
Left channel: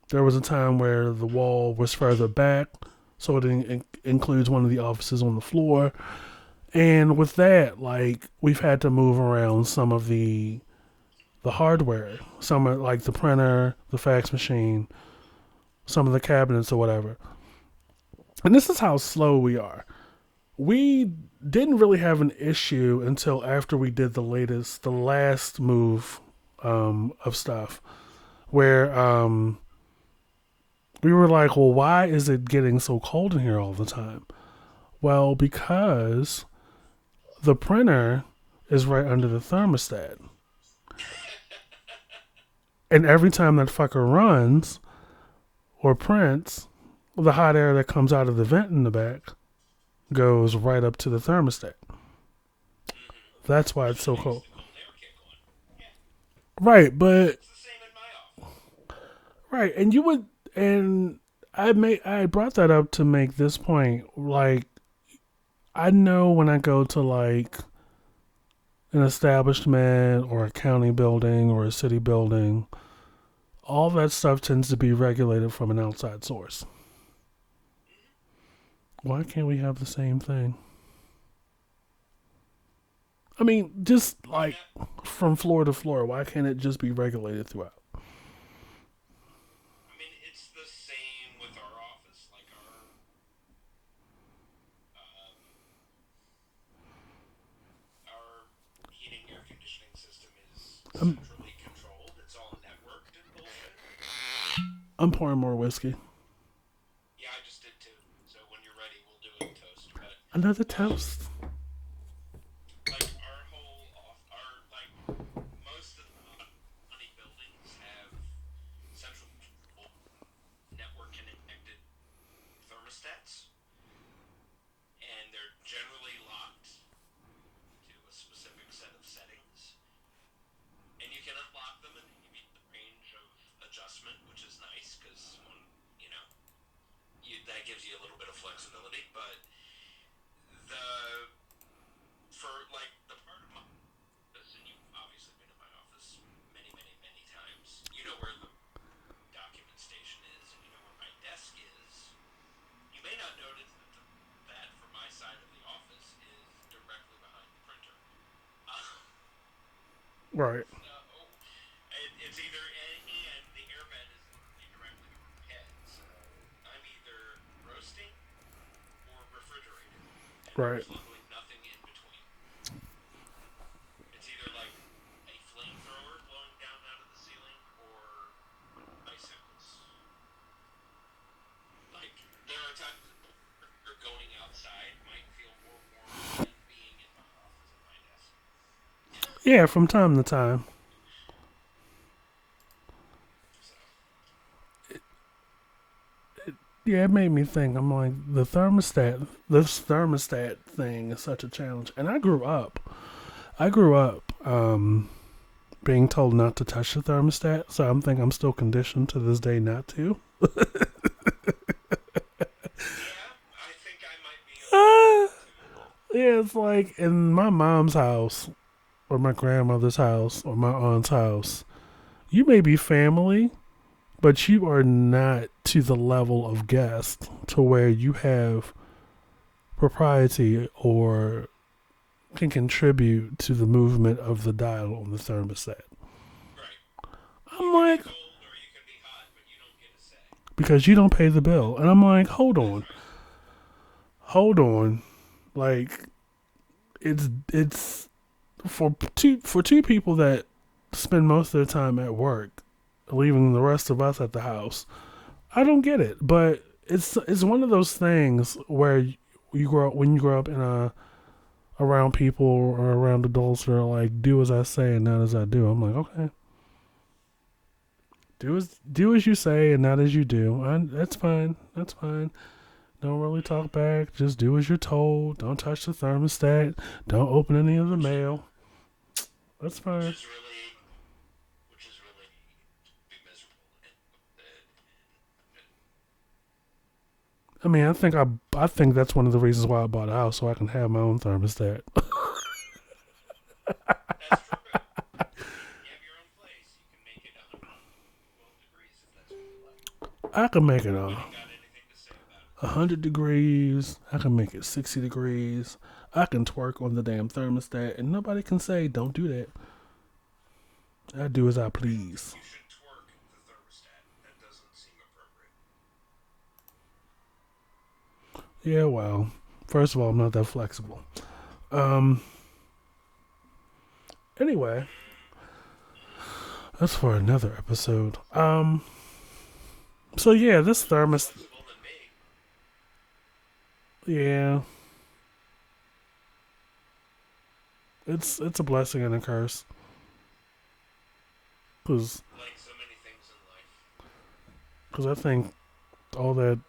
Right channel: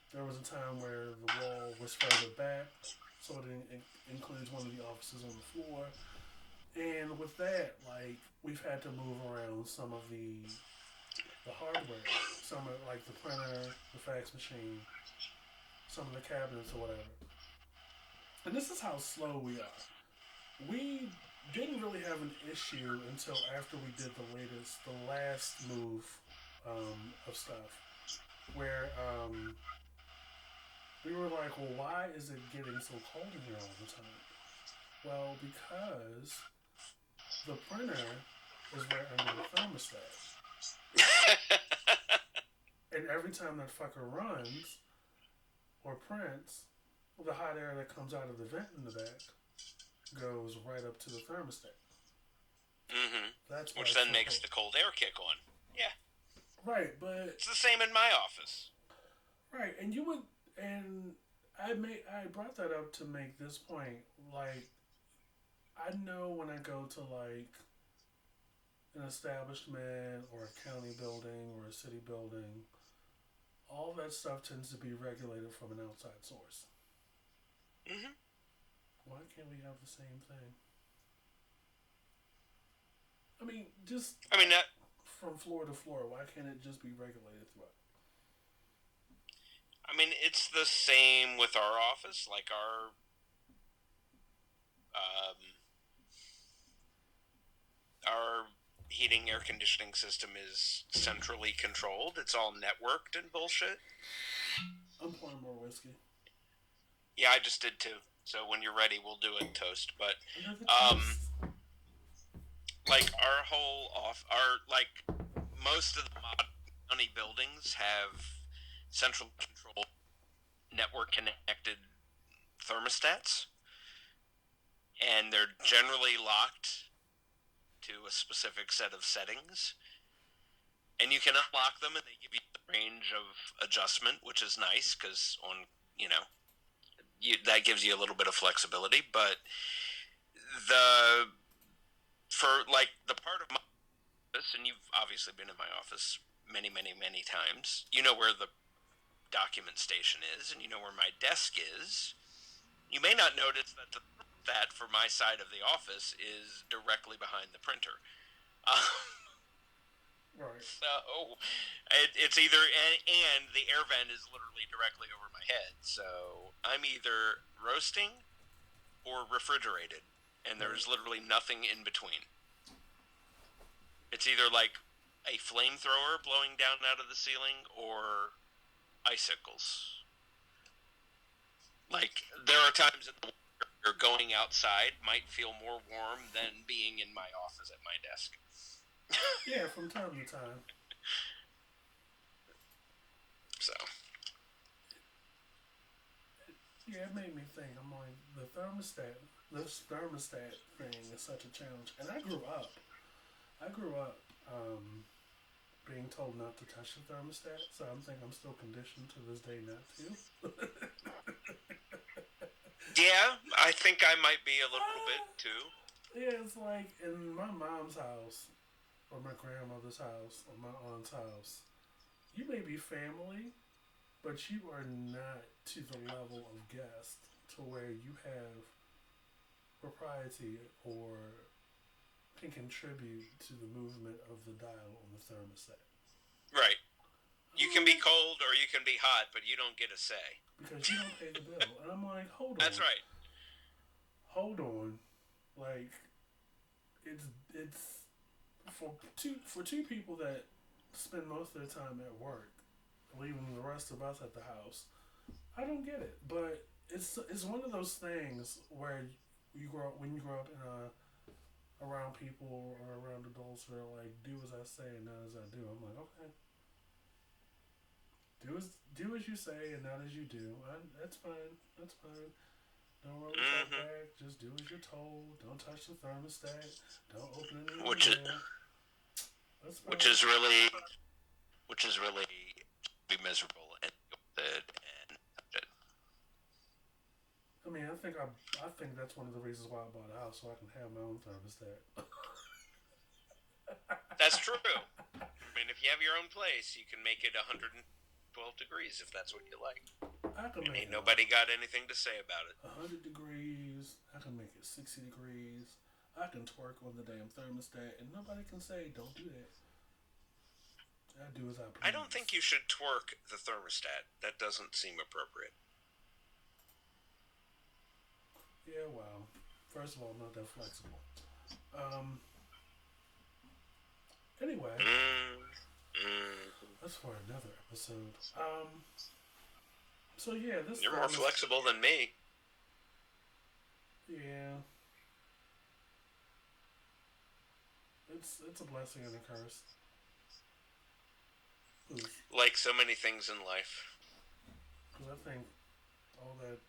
there was a time where the wall was further back, so it includes one of the offices on the floor. And with that, like we've had to move around some of the hardware, some of like the printer, the fax machine, some of the cabinets or whatever. And this is how slow we are. We didn't really have an issue until after we did the last move of stuff, where we were like, well, why is it getting so cold in here all the time? Well, because the printer is right under the thermostat. And every time that fucker runs or prints, the hot air that comes out of the vent in the back goes right up to the thermostat. Mm-hmm. That's why Which it's then so makes cold. the cold air kick on. Yeah. Right, but It's the same in my office. right, and you would, and I brought that up to make this point. Like, I know when I go to like an establishment or a county building or a city building, all that stuff tends to be regulated from an outside source. Mm-hmm. Why can't we have the same thing? I mean, just I mean, like from floor to floor, why can't it just be regulated throughout? it's the same with our office. Like our heating air conditioning system is centrally controlled. It's all networked and bullshit. I'm pouring more whiskey. Yeah, I just did too. So when you're ready, we'll do a toast. But Another um, toast. like our whole off, our like most of the modern county buildings have central control network connected thermostats, and they're generally locked to a specific set of settings. And you can unlock them, and they give you the range of adjustment, which is nice because on that gives you a little bit of flexibility. But the for like the part of my office, and you've obviously been in my office many, many, many times. You know where the document station is, and you know where my desk is. You may not notice that for my side of the office is directly behind the printer. Right. So it's either and the air vent is literally directly over my head. So I'm either roasting or refrigerated, and Right. there's literally nothing in between. It's either like a flamethrower blowing down out of the ceiling or icicles. Like there are times that you're going outside might feel more warm than being in my office at my desk. Yeah, from time to time. So Yeah, it made me think. I'm like, this thermostat thing is such a challenge. And I grew up being told not to touch the thermostat, so I'm still conditioned to this day not to. Yeah, I think I might be a Uh, little bit too. yeah, it's like in my mom's house, or my grandmother's house, or my aunt's house. You may be family, but you are not to the level of guest to where you have propriety or can contribute to the movement of the dial on the thermostat. Right. You I'm can be like, cold or you can be hot, but you don't get a say. because you don't pay the bill. And I'm like, That's right. hold on. Like, it's for two people that spend most of their time at work, leaving the rest of us at the house. I don't get it, but it's one of those things where you grow up when you grow up in a around people or around adults that are like, do as I say and not as I do. I'm like, okay, do as you say and not as you do. That's fine. That's fine. Don't really talk Mm-hmm. back. Just do as you're told. Don't touch the thermostat. Don't open any of the Which is mail. That's which fine. is really which is really be miserable and and I mean, I think that's one of the reasons why I bought a house so I can have my own thermostat. that's true. I mean, if you have your own place, you can make it 112 degrees if that's what you like. I can make it Nobody got anything to say about it. 100 degrees. I can make it 60 degrees. I can twerk on the damn thermostat, and nobody can say don't do that. I do as I I don't please. think you should twerk the thermostat. That doesn't seem appropriate. Yeah, well, first of all, I'm not that flexible. Um. Anyway, that's for another episode. So yeah, this You're more thermostat. flexible than me. Yeah, it's a blessing and a curse. Cause, Like so many things in life. cause I think all that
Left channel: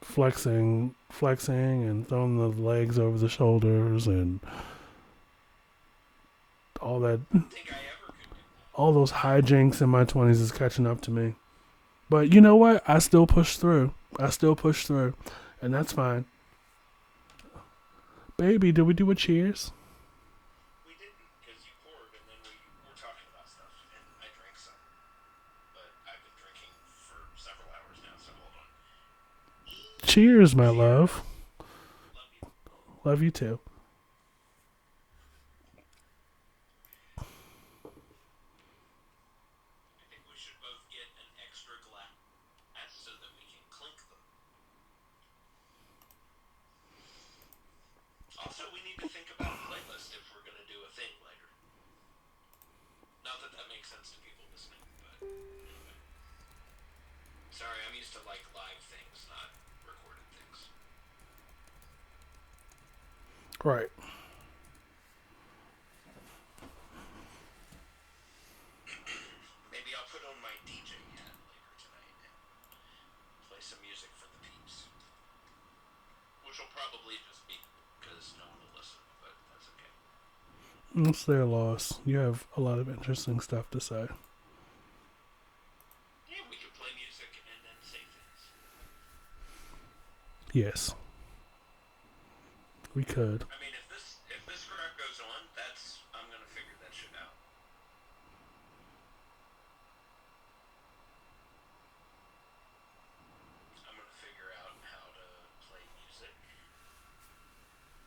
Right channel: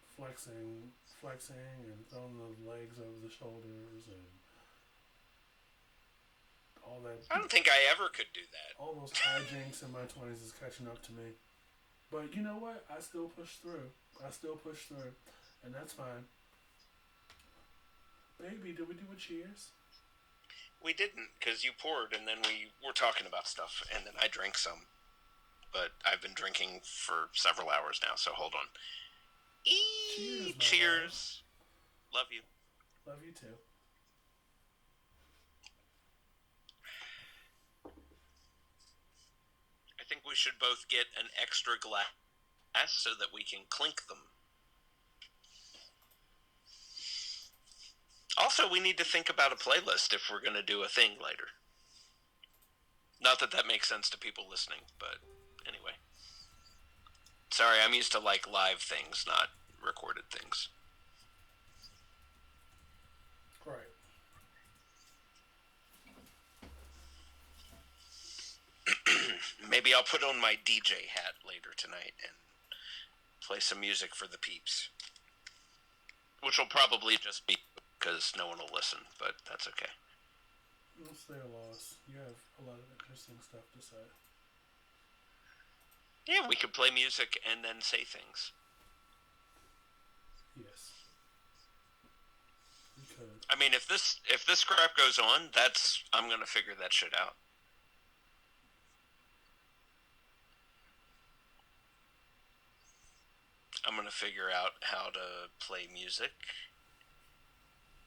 flexing, and throwing the legs over the shoulders, and all that, I don't think I ever could do that. all those hijinks in my 20s is catching up to me. But you know what? I still push through. And that's fine. Baby, did we do a cheers? We didn't, because you poured, and then we were talking about stuff, and then I drank some. But I've been drinking for several hours now, so hold on. Cheers, my Cheers. love. Love you. Love you too. I think we should both get an extra glass so that we can clink them. Also, we need to think about a playlist if we're going to do a thing later. Not that that makes sense to people listening, but anyway. Sorry, I'm used to like live things, not recorded things. Right. Maybe I'll put on my DJ hat later tonight and play some music for the peeps. Which will probably just be because no one will listen, but that's okay. It's their loss. You have a lot of interesting stuff to say. Yeah, we could play music and then say things. Yes. We could. I mean, if this crap goes on, I'm gonna figure that shit out. I'm gonna figure out how to play music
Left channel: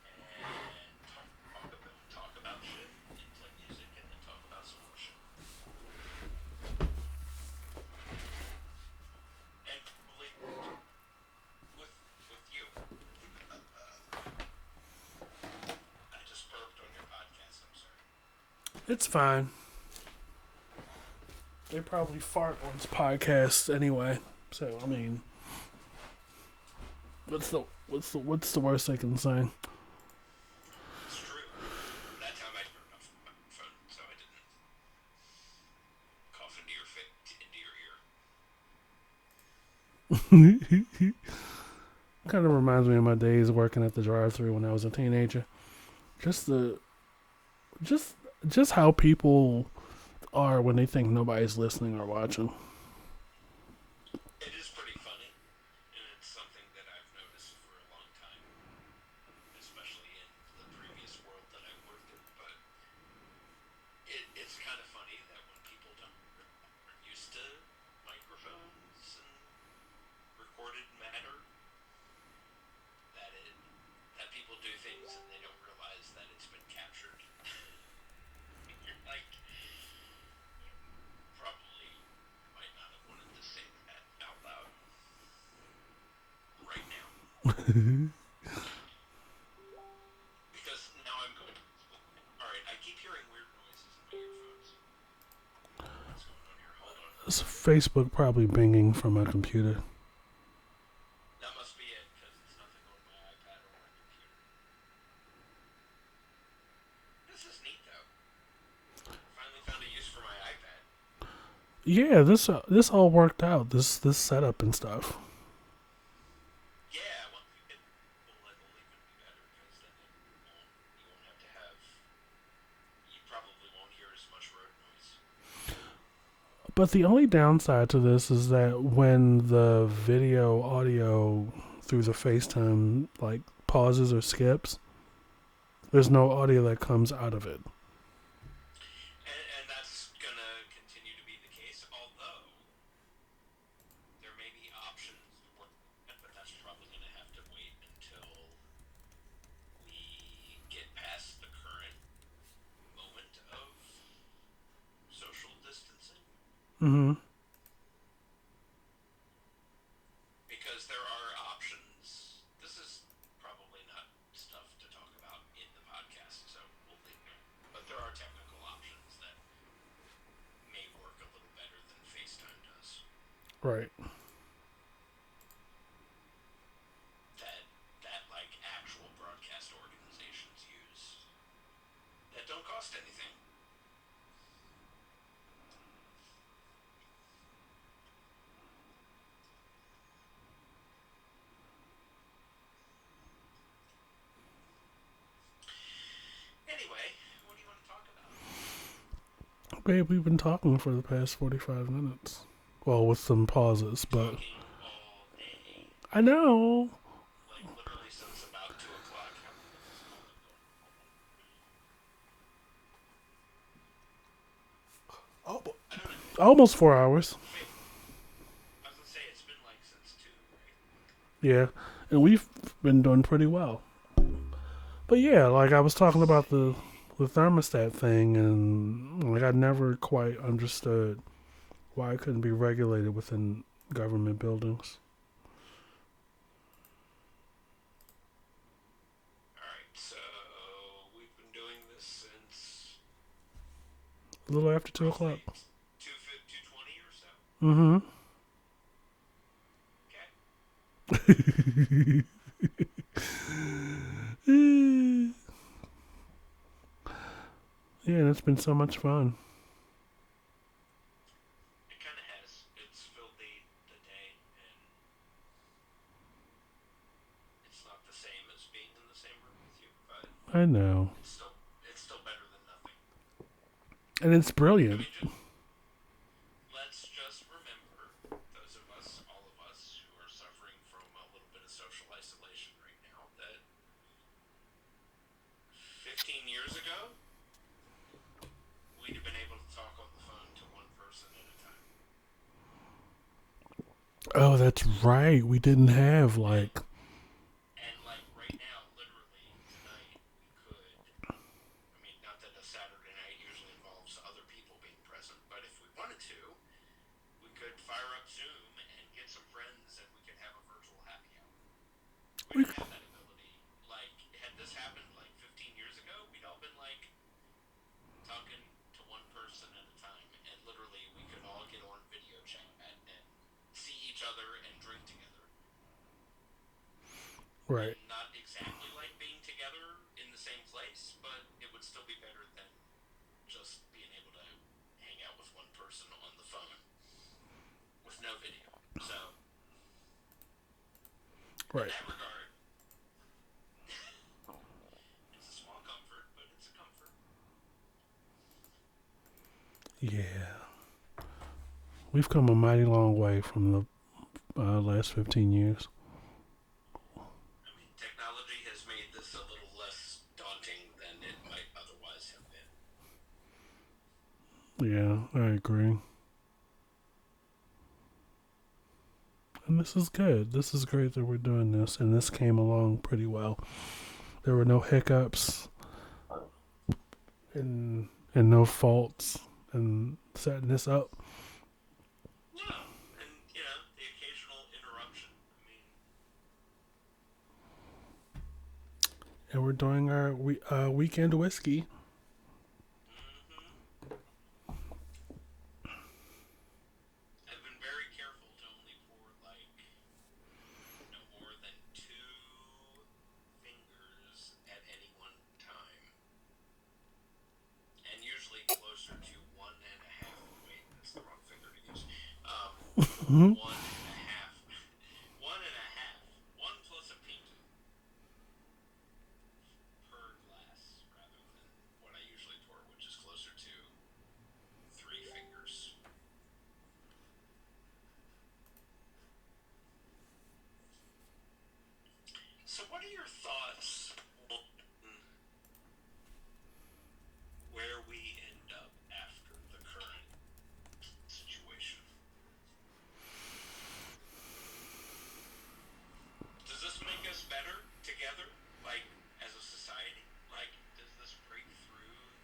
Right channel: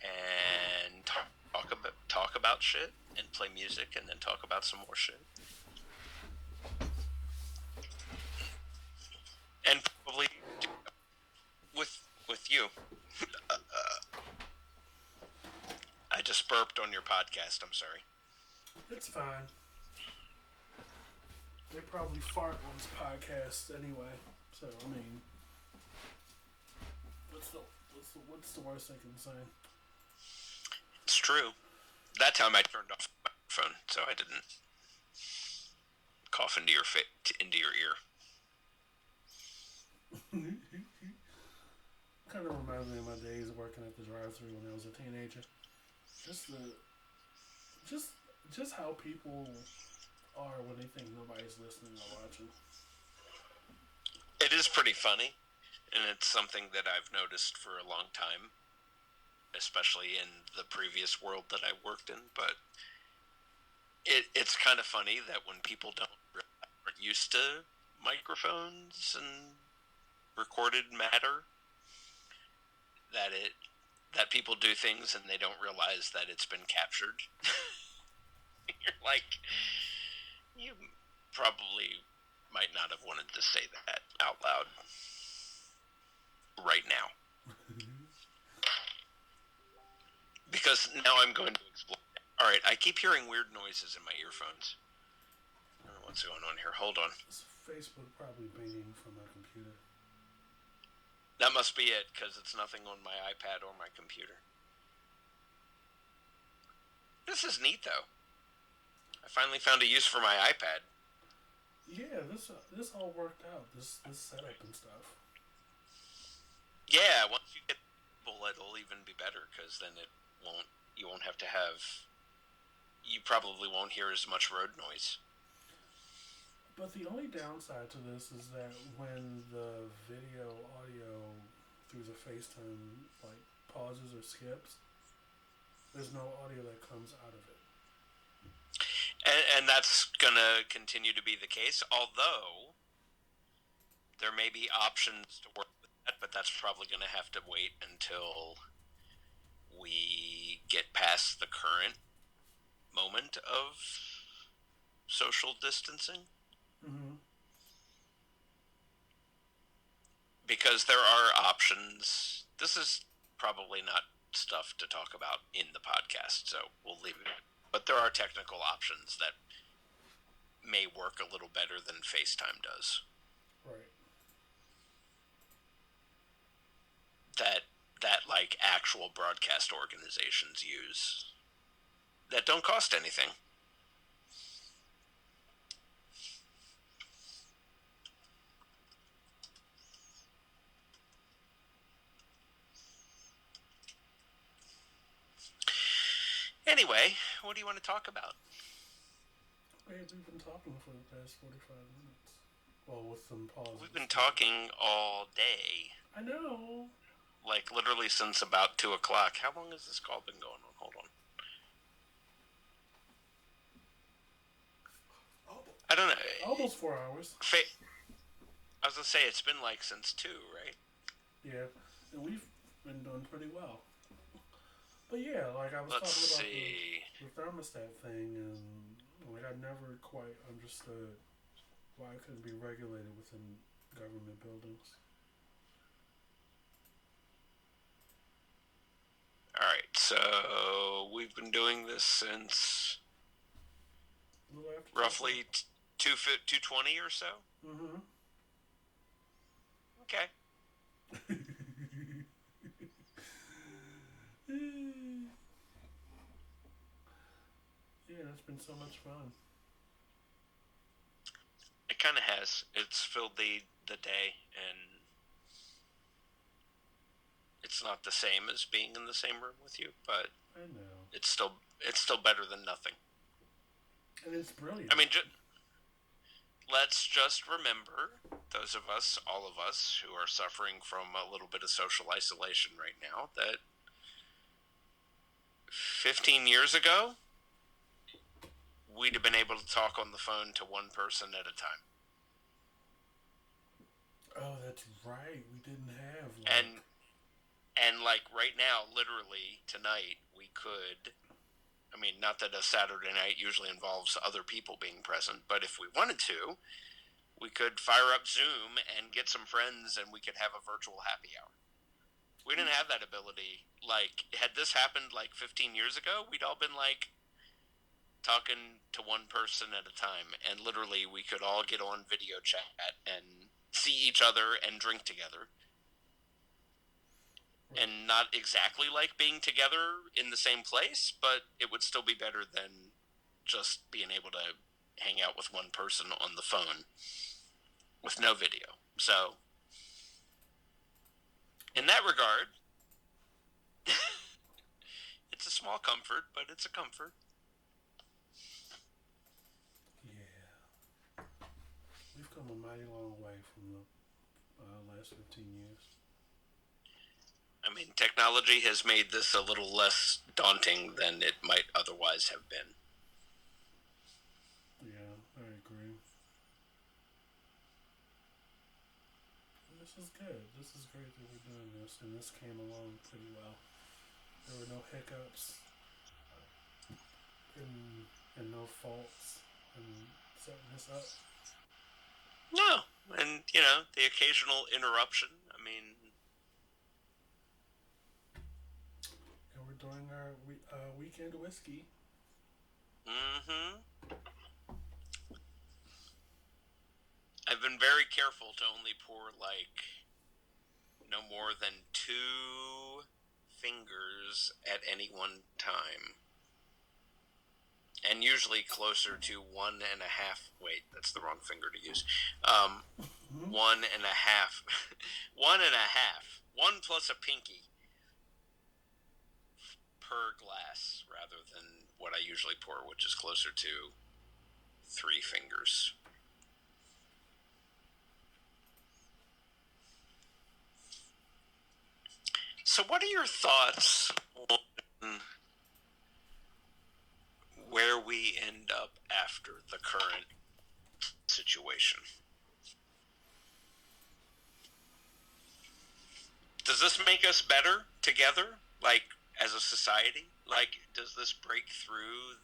and talk about shit and play music and then talk about some more shit. And probably with you. I just burped on your podcast. I'm sorry. It's fine. They probably fart on this podcast anyway. So I mean, what's the worst they can say? It's true. That time I turned off my phone, so I didn't cough into your ear. Kind of reminds me of my days working at the drive-thru when I was a teenager. Just how people are when they think nobody's listening or watching. It is pretty funny, and it's something that I've noticed for a long time, especially in the previous world that I worked in. But it's kind of funny that when people aren't used to microphones and recorded matter, that people do things and they don't realize that it's been captured. You're like, you probably might not have wanted to say that out loud right now. Because now I'm going to explain. Alright, I keep hearing weird noises in my earphones. What's going on here? Hold on. It's Facebook probably binging from my computer. That must be it, because it's nothing on my iPad or my computer. This is neat, though. I finally found a use for my iPad. Yeah, this all worked out. This setup and stuff. Yeah, once you get people, it'll even be better, because then you won't have to have. You probably won't hear as much road noise. But the only downside to this is that when the video audio through the FaceTime like pauses or skips, there's no audio that comes out of it. And that's gonna continue to be the case, although there may be options to work with that, but that's probably gonna have to wait until we get past the current moment of social distancing. Mm-hmm. Because there are options. This is probably not stuff to talk about in the podcast, so we'll leave it. But there are technical options that may work a little better than FaceTime does. Right. That like actual broadcast organizations use that don't cost anything. Anyway, what do you want to talk about? Babe, we've been talking for the past 45 minutes. Well, with some pauses. We've been talking all day. I know. Like, literally since about 2 o'clock. How long has this call been going on? Hold on. Oh, I don't know. almost 4 hours. I was going to say, it's been like since 2, right? Yeah. And we've been doing pretty well. But yeah, like I was talking about the thermostat thing, and like I never quite understood why it couldn't be regulated within government buildings. Alright, so we've been doing this since A little after 2 o'clock. roughly 2:20 or so? Mm-hmm. Okay. Yeah, and it's been so much fun. It kind of has. It's filled the day, and it's not the same as being in the same room with you, but I know. it's still better than nothing. And it's brilliant. I mean, let's just remember, those of us, all of us, who are suffering from a little bit of social isolation right now, that 15 years ago, we'd have been able to talk on the phone to one person at a time. Oh, that's right. We didn't have like... And like right now, literally tonight, we could... I mean, not that a Saturday night usually involves other people being present, but if we wanted to, we could fire up Zoom and get some friends and we could have a virtual happy hour. We didn't have that ability. Like, had this happened like 15 years ago, we'd all been like talking to one person at a time, and literally we could all get on video chat and see each other and drink together. Right. And not exactly like being together in the same place, but it would still be better than just being able to hang out with one person on the phone with no video. So, in that regard, it's a small comfort, but it's a comfort. Yeah, we've come a mighty long way from the last 15 years. I mean, technology has made this a little less daunting than it might otherwise have been. Yeah, I agree. And this is good. This is great that we're doing this, and this came along pretty well. There were no hiccups and no faults in setting this up. No, and the occasional interruption. I mean, And we're doing our weekend whiskey. mm-hmm. I've been very careful to only pour like no more than 2 fingers at any one time. And usually closer to 1.5. Wait, that's the wrong finger to use. Mm-hmm. 1.5. 1.5. 1 plus a pinky per glass rather than what I usually pour, which is closer to 3 fingers. So, what are your thoughts on where we end up after the current situation? Does this make us better together, like as a society? Like, does this break through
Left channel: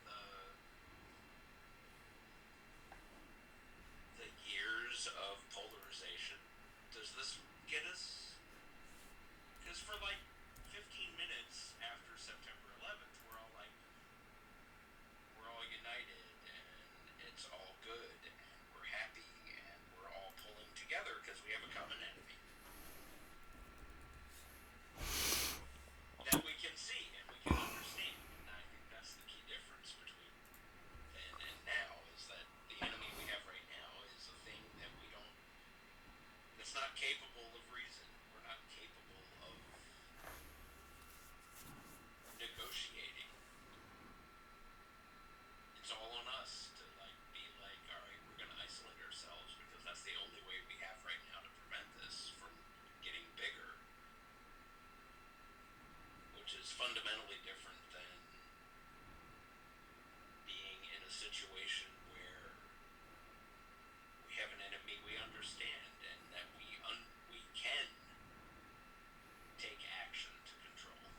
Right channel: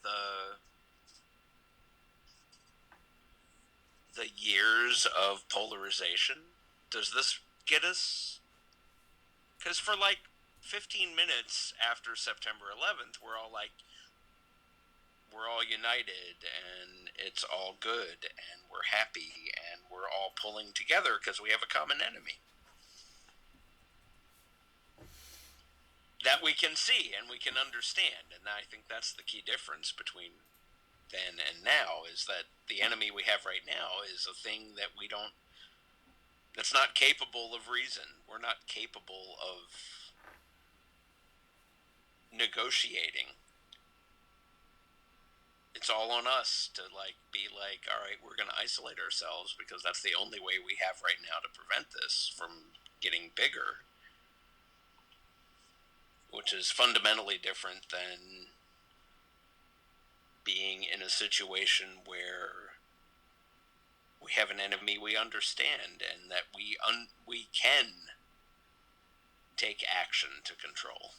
the years of polarization? Does this get us? Because for like 15 minutes after September 11th, we're all united and it's all good and we're happy and we're all pulling together because we have a common enemy that we can see and we can understand. And I think that's the key difference between then and now, is that the enemy we have right now is a thing that that's not capable of reason. We're not capable of negotiating. It's all on us to be like, all right, we're going to isolate ourselves because that's the only way we have right now to prevent this from getting bigger, which is fundamentally different than being in a situation where we have an enemy we understand and that we can take action to control.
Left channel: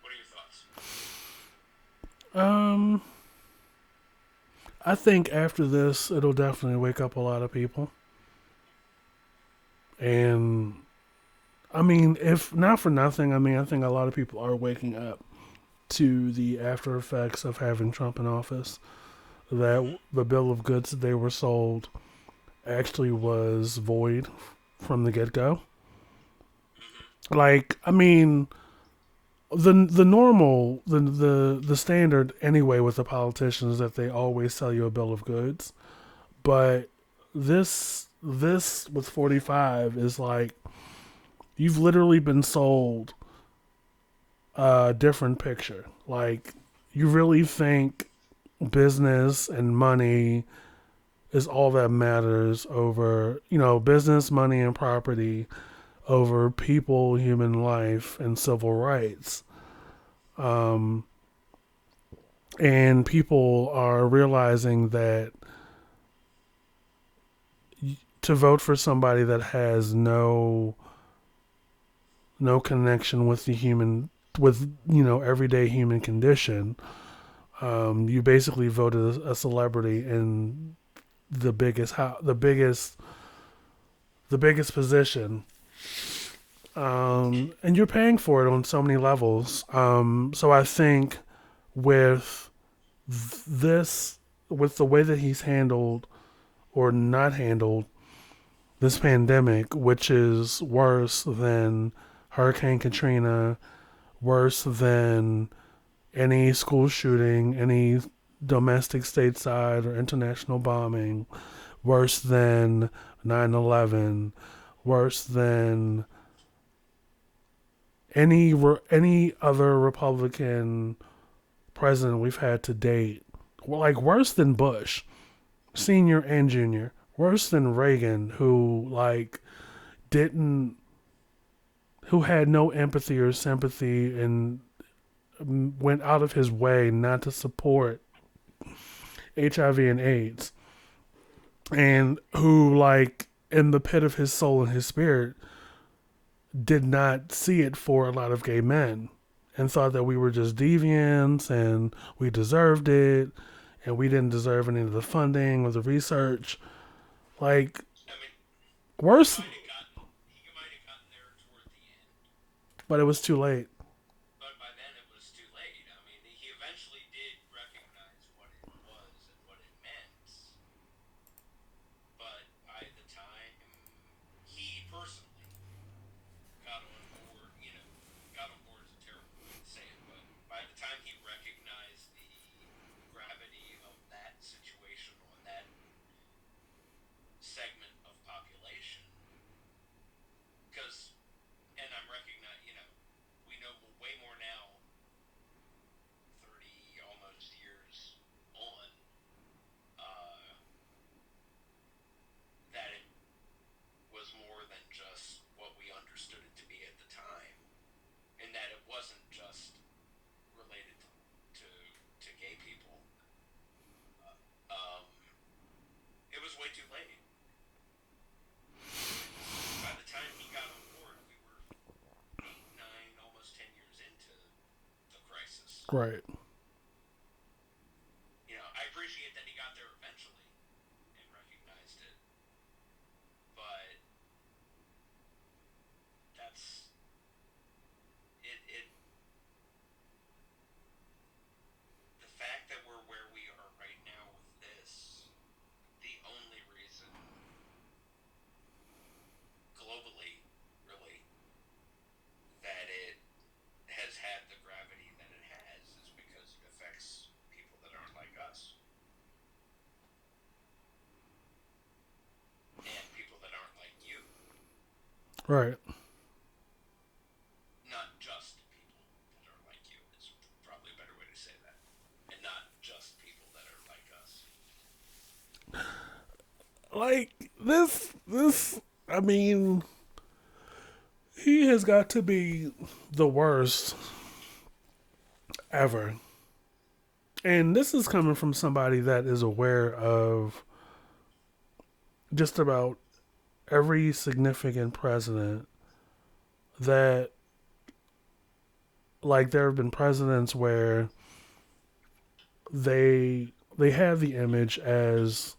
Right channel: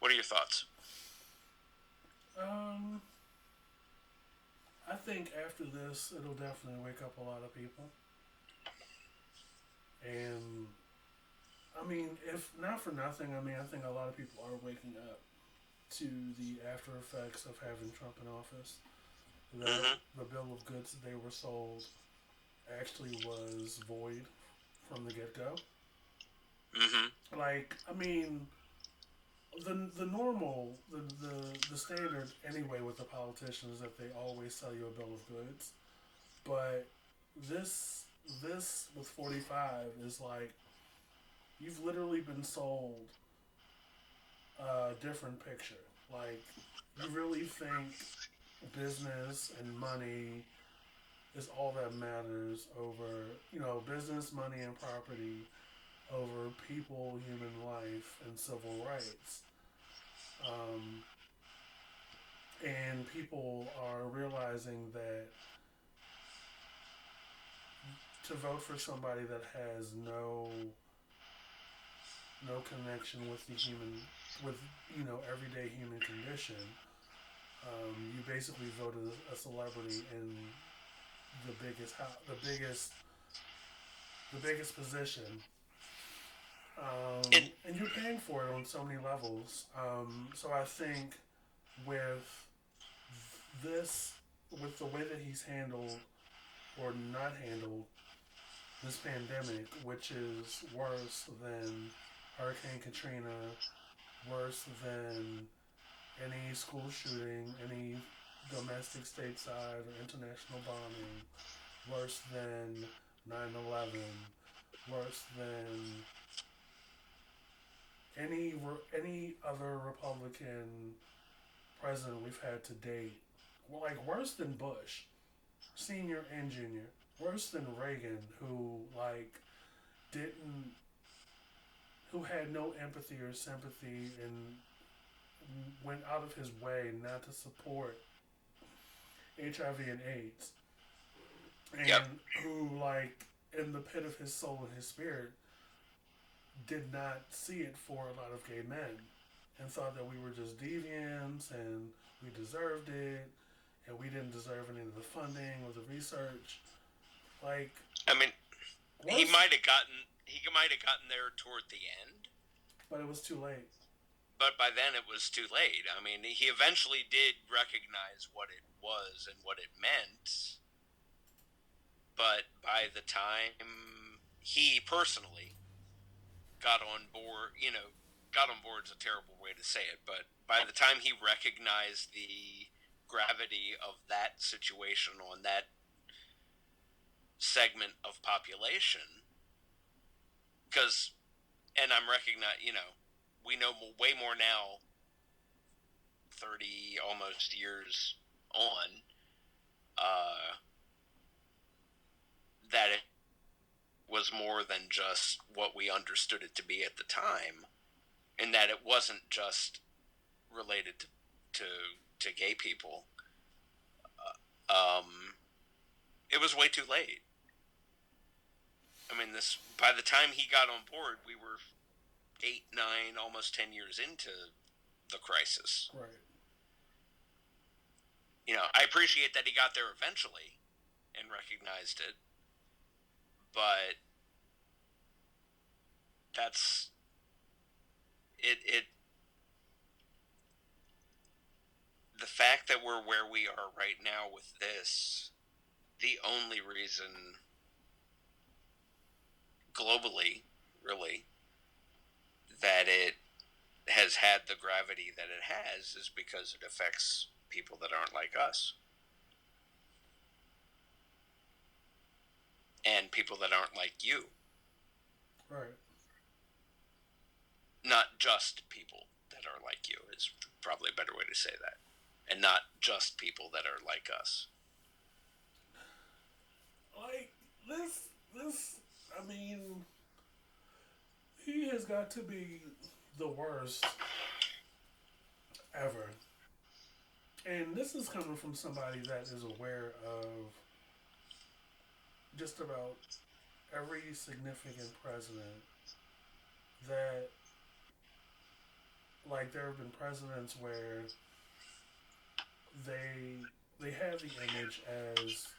What are your thoughts? I think after this, it'll definitely wake up a lot of people. And I mean, if not for nothing, I mean, I think a lot of people are waking up to the after effects of having Trump in office. That Mm-hmm. the bill of goods that they were sold actually was void from the get go. Mm-hmm. Like, I mean, the normal the standard anyway with the politicians is that they always sell you a bill of goods, but this with 45 is like you've literally been sold a different picture. Like, you really think business and money is all that matters over, business, money, and property over people, human life, and civil rights. Um, and people are realizing that to vote for somebody that has no connection with the human with everyday human condition, you basically voted a celebrity in the biggest position, and you're paying for it on so many levels. So I think with this, with the way that he's handled or not handled this pandemic, which is worse than Hurricane Katrina, worse than any school shooting, any domestic stateside or international bombing, worse than 9/11, worse than any other Republican president we've had to date. like worse than Bush, senior and junior, worse than Reagan, who like didn't, who had no empathy or sympathy and went out of his way not to support HIV and AIDS, Yep. and who like in the pit of his soul and his spirit did not see it for a lot of gay men and thought that we were just deviants and we deserved it and we didn't deserve any of the funding or the research. Like, I mean, worse, he might have gotten there toward the end, but it was too late. but by then it was too late. I mean, he eventually did recognize what it was and what it meant, but by the time he personally got on board, got on board is a terrible way to say it, but by the time he recognized the gravity of that situation on that segment of population, because, and I'm recognizing, we know way more now, 30 almost years on, that it was more than just what we understood it to be at the time, and that it wasn't just related to gay people. It was way too late. I mean, this by the time he got on board, we were 8, 9, almost 10 years into the crisis. Right. I appreciate that he got there eventually and recognized it, but that's it. The fact that we're where we are right now with this, the only reason globally, really, that it has had the gravity that it has is because it affects people that aren't like us. And people that aren't like you. Right. Not just people that are like you is probably a better way to say that. And not just people that are like us. Like this I mean, he has got to be the worst ever. And this is coming from somebody that is aware of just about every significant president that, like, there have been presidents where they have the image as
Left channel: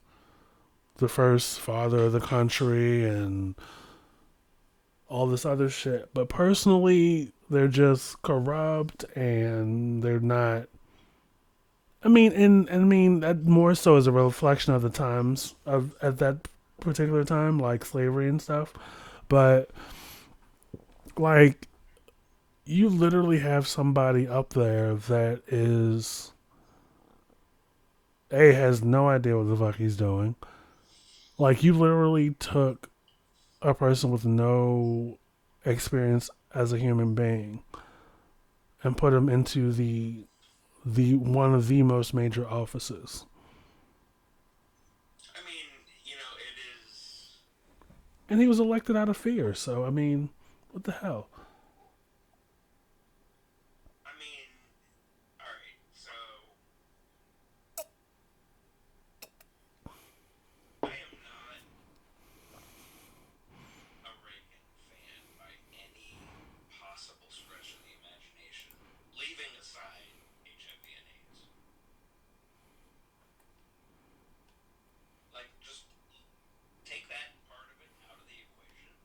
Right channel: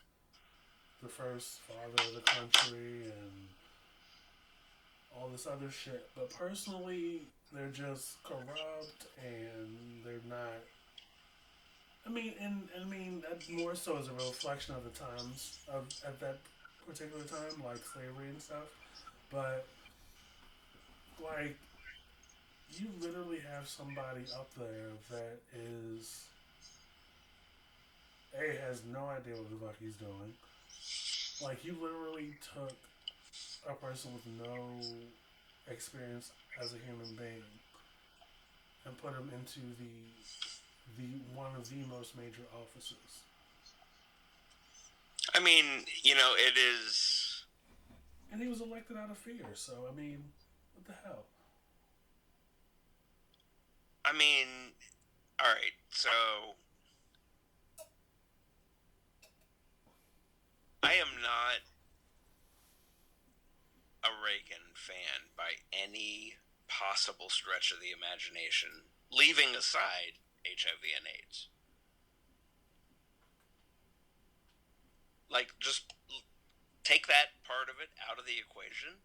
the first father of the country and all this other shit, but personally they're just corrupt and they're not. I mean, and I mean that more so as a reflection of the times of at that particular time, like slavery and stuff. But like, you literally have somebody up there that is has no idea what the fuck he's doing. Like, you literally took a person with no experience as a human being and put him into the one of the most major offices. I mean, it is. And he was elected out of fear, so I mean, what the hell? I mean, alright, so. I am not a Reagan fan by any possible stretch of the imagination, leaving aside HIV and AIDS. Like, just take that part of it out of the equation.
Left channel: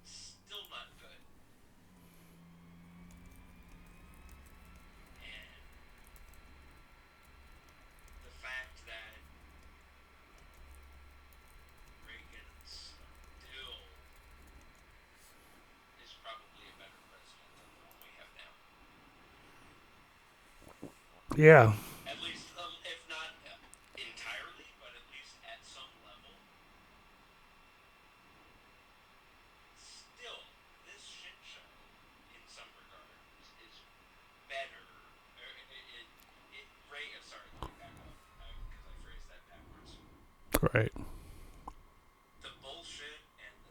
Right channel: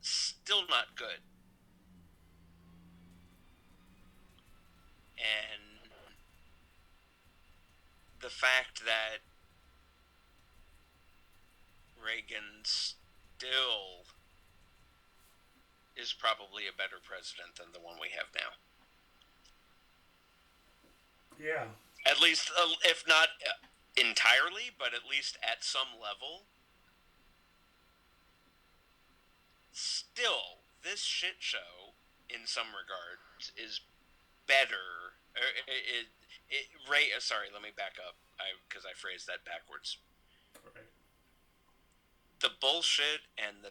Still not good. And the fact that Reagan still is probably a better president than the one we have now. Yeah. At least, if not entirely, but at least at some level. Still, this shit show, in some regards, is better. Sorry, let me back up, because I phrased that backwards. Right. The bullshit and the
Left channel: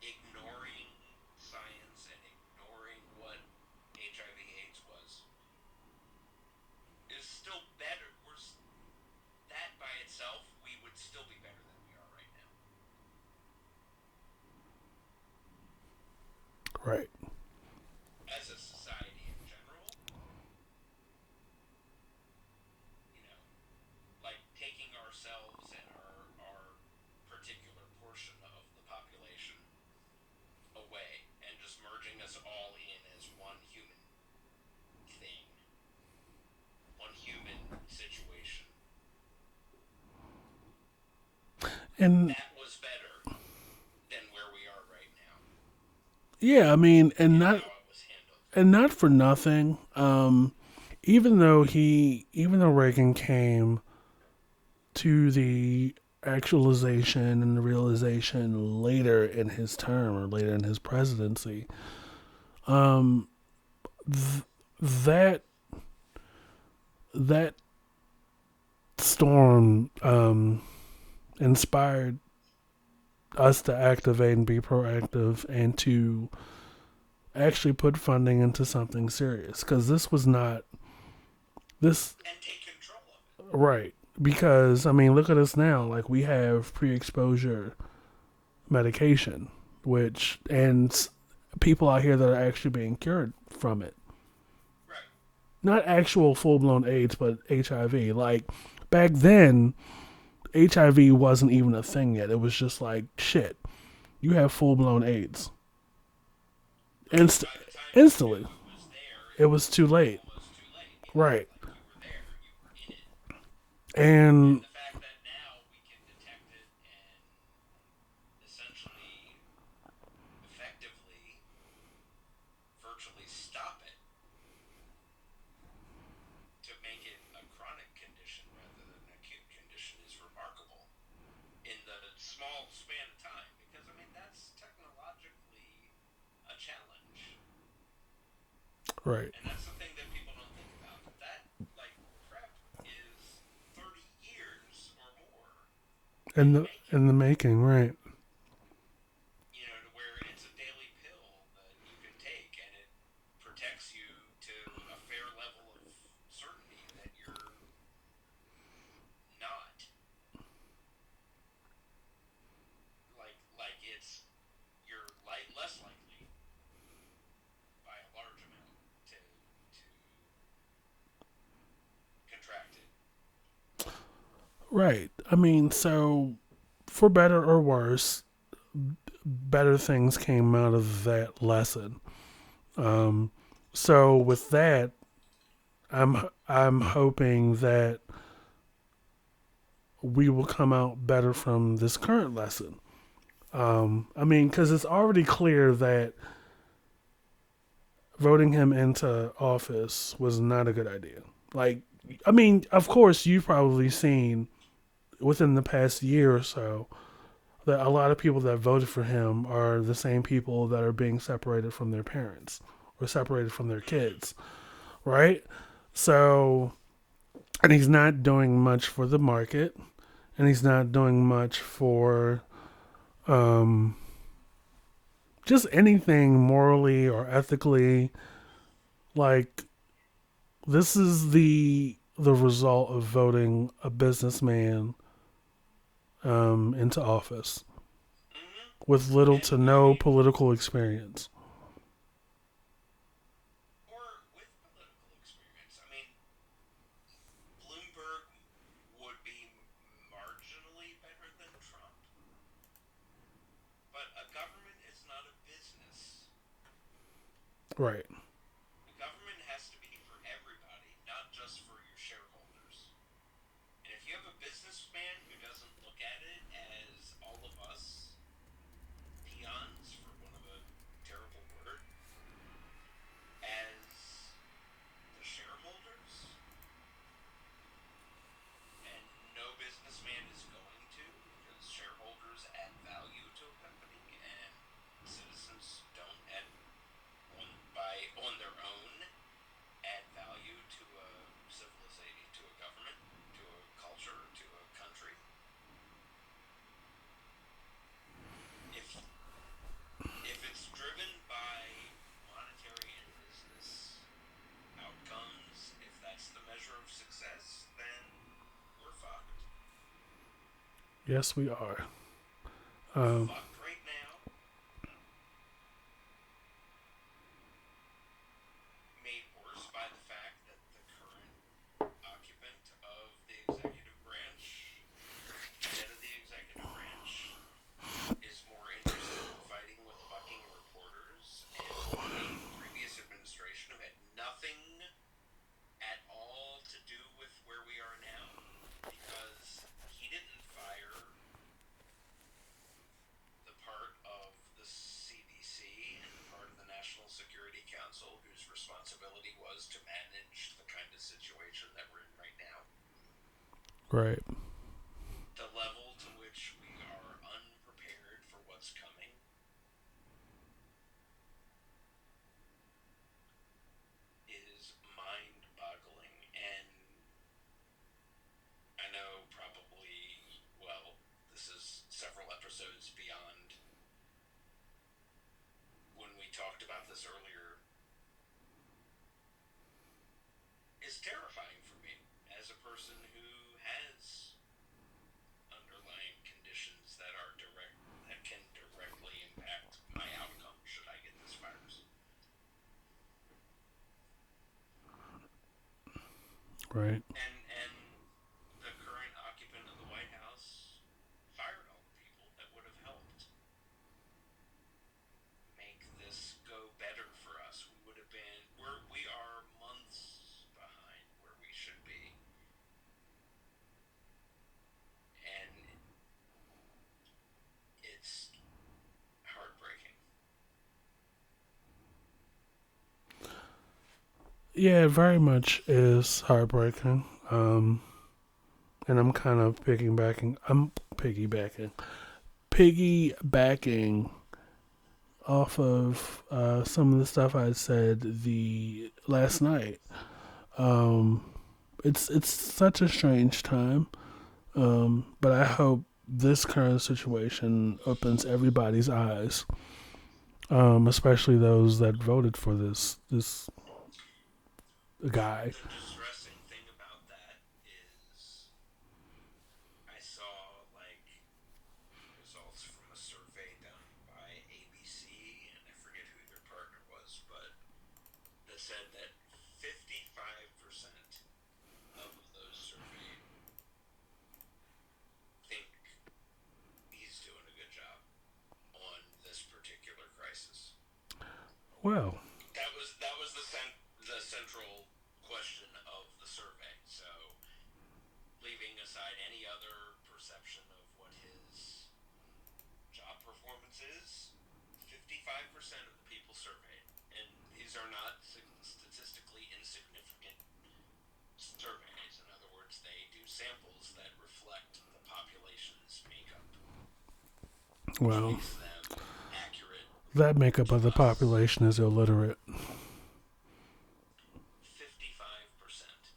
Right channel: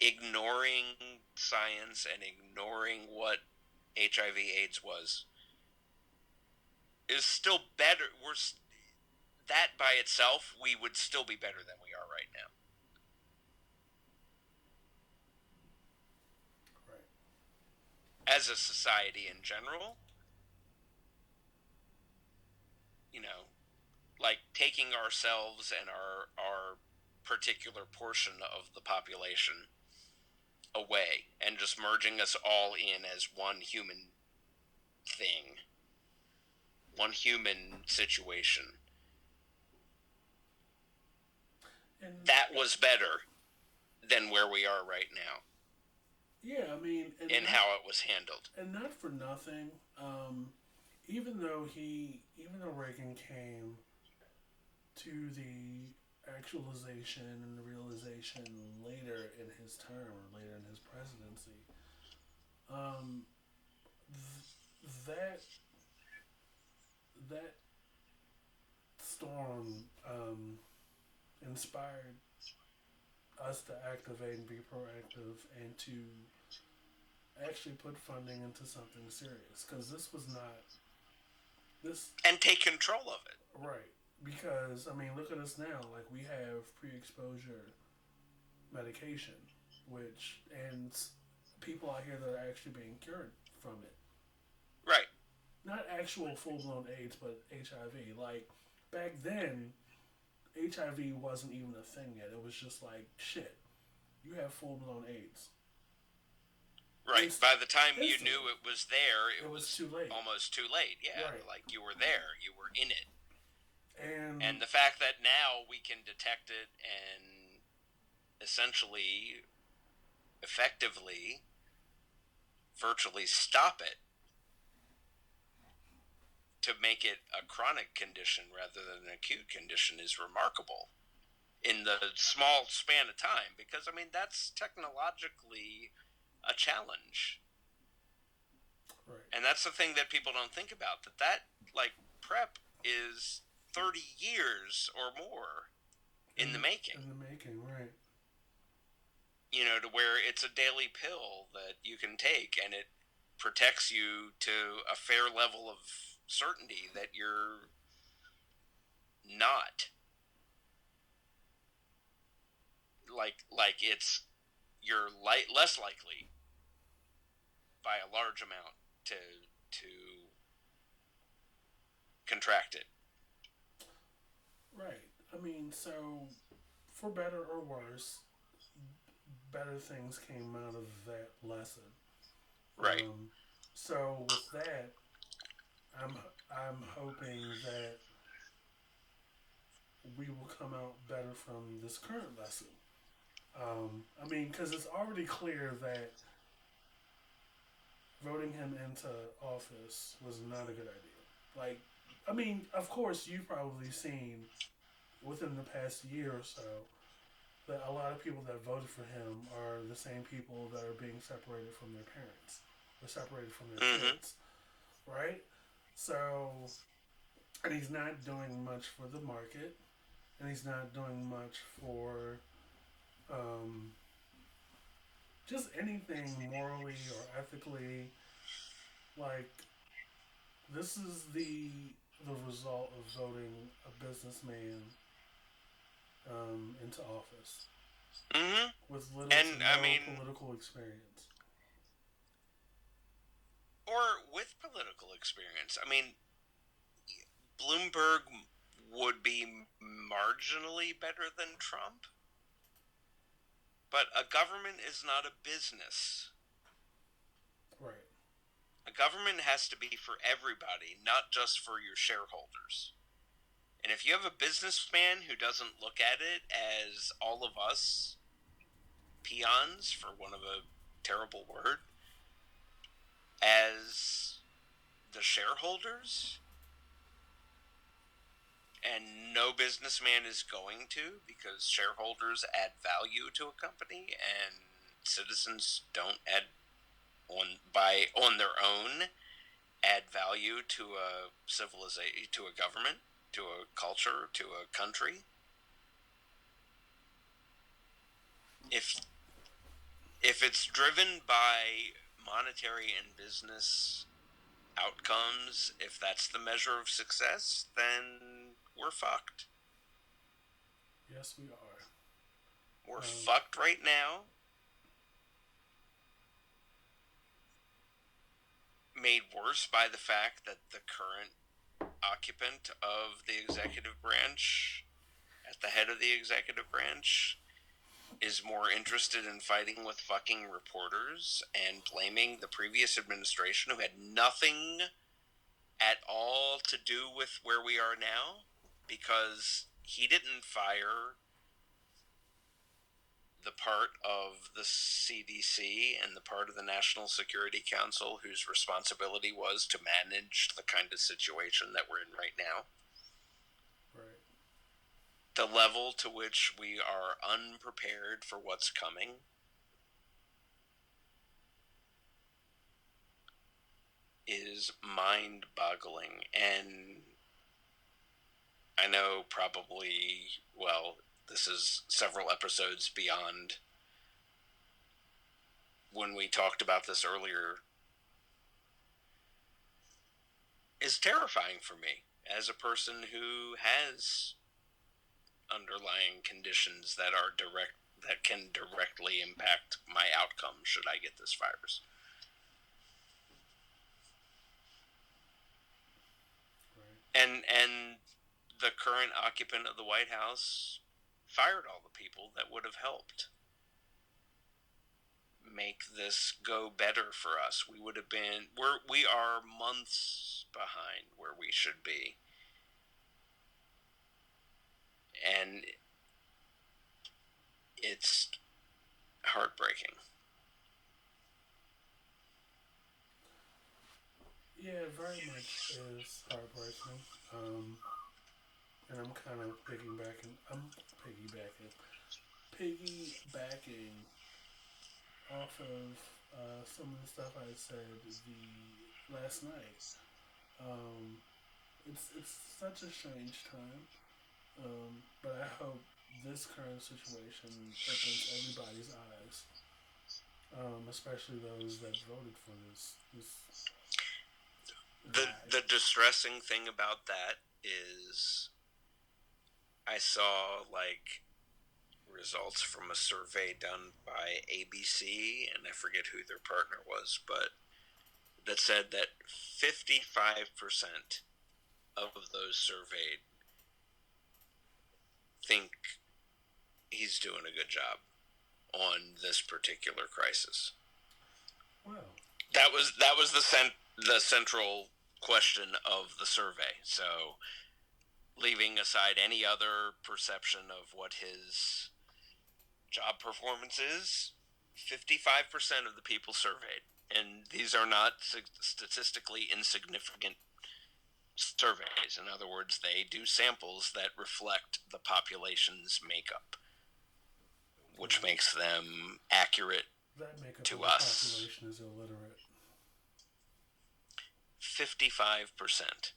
ignoring science and ignoring what HIV/AIDS was is still better. That by itself, we would still be better than we are right now. Right. As a society in general, you know, like taking ourselves and our particular portion of the population away and just merging us all in as one human thing, one human situation. And that was better than where we are right now. yeah, I mean, and how it was handled. And not for nothing. Even though Reagan came to the actualization and the realization later in his term or later in his presidency, um, that that storm inspired us to activate and be proactive and to actually put funding into something serious, because this was not this and take control of it. Right. Because I mean, look at us now. Like, we have pre-exposure medication, which and people out here that are actually being cured from it. Right. Not actual full-blown AIDS, but HIV. Like, back then, HIV wasn't even a thing yet. It was just like, shit, you have full-blown AIDS. Right. By the time instantly. You knew it was there, it was too late. Almost too late. Yeah. Right. Like, you were there. You were in it. And the fact that now we can detect it and essentially, effectively, virtually stop it to make it a chronic condition rather than an acute condition is remarkable in the small span of time, because, I mean, that's technologically a challenge. Right. And that's the thing that people don't think about, that like, PrEP is 30 years or more in the making. In the making, right. You know, to where it's a daily pill that you can take, and it protects you to a fair level of certainty that you're not like it's you're less likely by a large amount to contract it. Right. I mean, so for better or worse, better things came out of that lesson. Right. So with that, I'm hoping that we will come out better from this current lesson. I mean, because it's already clear that voting him into office was not a good idea. Like, I mean, of course, you've probably seen within the past year or so that a lot of people that voted for him are the same people that are being separated from their parents or separated from their kids, right? So, and he's not doing much for the market, and he's not doing much for just anything morally or ethically. Like, this is the result of voting a businessman into office with little to no political experience. Or with political experience. I mean, Bloomberg would be marginally better than Trump. But a government is not a business. Right. A government has to be for everybody, not just for your shareholders. And if you have a businessman who doesn't look at it as all of us peons, for one of a terrible word, as the shareholders, and no businessman is going to, because shareholders add value to a company and citizens don't add on their own add value value to a civilization, to a government, to a culture, to a country. If it's driven by monetary and business outcomes, if that's the measure of success, then we're fucked. Yes, we are. We're fucked right now. Made worse by the fact that the current occupant of the executive branch, at the head of the executive branch, is more interested in fighting with fucking reporters and blaming the previous administration, who had nothing at all to do with where we are now, because he didn't fire the part of the CDC and the part of the National Security Council whose responsibility was to manage the kind of situation that we're in right now. Right. The level to which we are unprepared for what's coming is mind-boggling. And I know probably, well, this is several episodes beyond when we talked about this earlier, is terrifying for me as a person who has underlying conditions that can directly impact my outcome should I get this virus. Right. And the current occupant of the White House fired all the people that would have helped make this go better for us. We are months behind where we should be. And it's heartbreaking. Yeah, it very much is heartbreaking. And I'm kind of piggybacking off of some of the stuff I said the last night. It's such a strange time, but I hope this current situation opens everybody's eyes, especially those that voted for this guy. The distressing thing about that is I saw results from a survey done by ABC, and I forget who their partner was, but that said that 55% of those surveyed think he's doing a good job on this particular crisis. Well, that was the central question of the survey. So, leaving aside any other perception of what his job performance is, 55% of the people surveyed, and these are not statistically insignificant surveys. In other words, they do samples that reflect the population's makeup, which makes them accurate. That makeup of the population is illiterate. 55%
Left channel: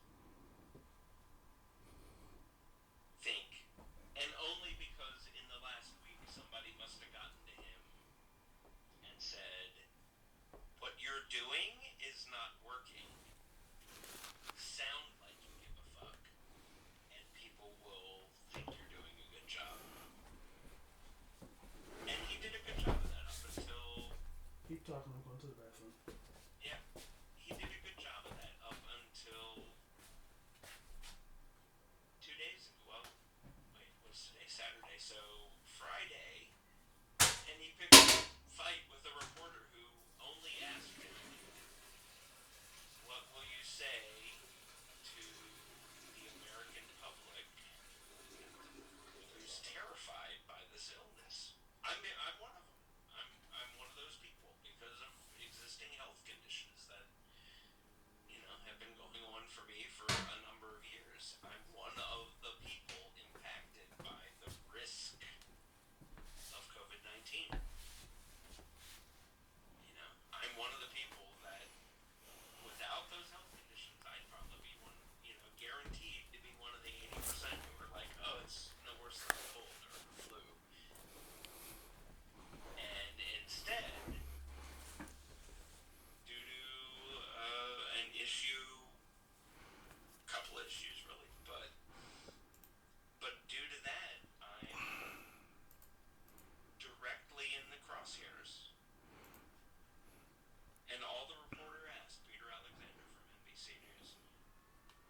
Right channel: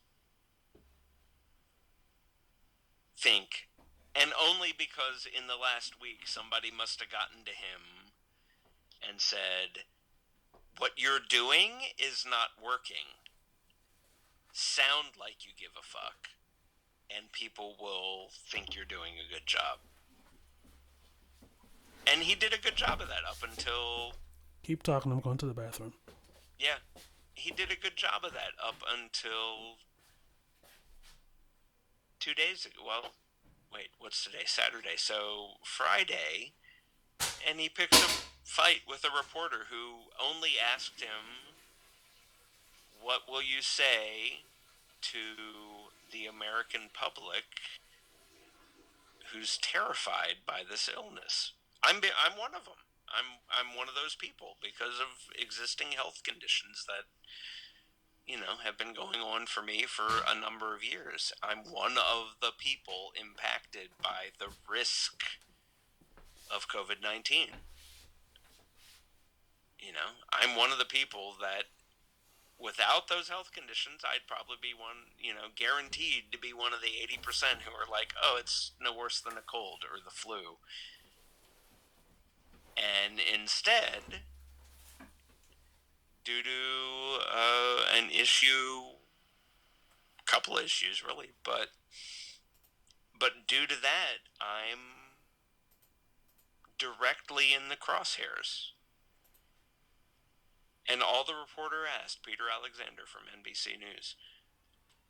think, and only because in the last week somebody must have gotten to him and said, what you're doing is not working. Sound like you give a fuck, and people will think you're doing a good job. And he did a good job of that up until... Keep talking, I'm going to the bathroom. Yeah, he did a good job of that up until 2 days ago. Well, wait, what's today? Saturday. So Friday, and he picked a fight with a reporter who only asked him, what will you say to the American public who's terrified by this illness? I'm one of them. I'm one of those people because of existing health conditions that, have been going on for me for a number of years. I'm one of the people impacted by the risk of COVID-19. I'm one of the people that without those health conditions, I'd probably be one, guaranteed to be one of the 80% who are like, oh, it's no worse than a cold or the flu. And instead, due to an issue, a couple issues really, but due to that, I'm directly in the crosshairs. And all the reporter asked, Peter Alexander from NBC News,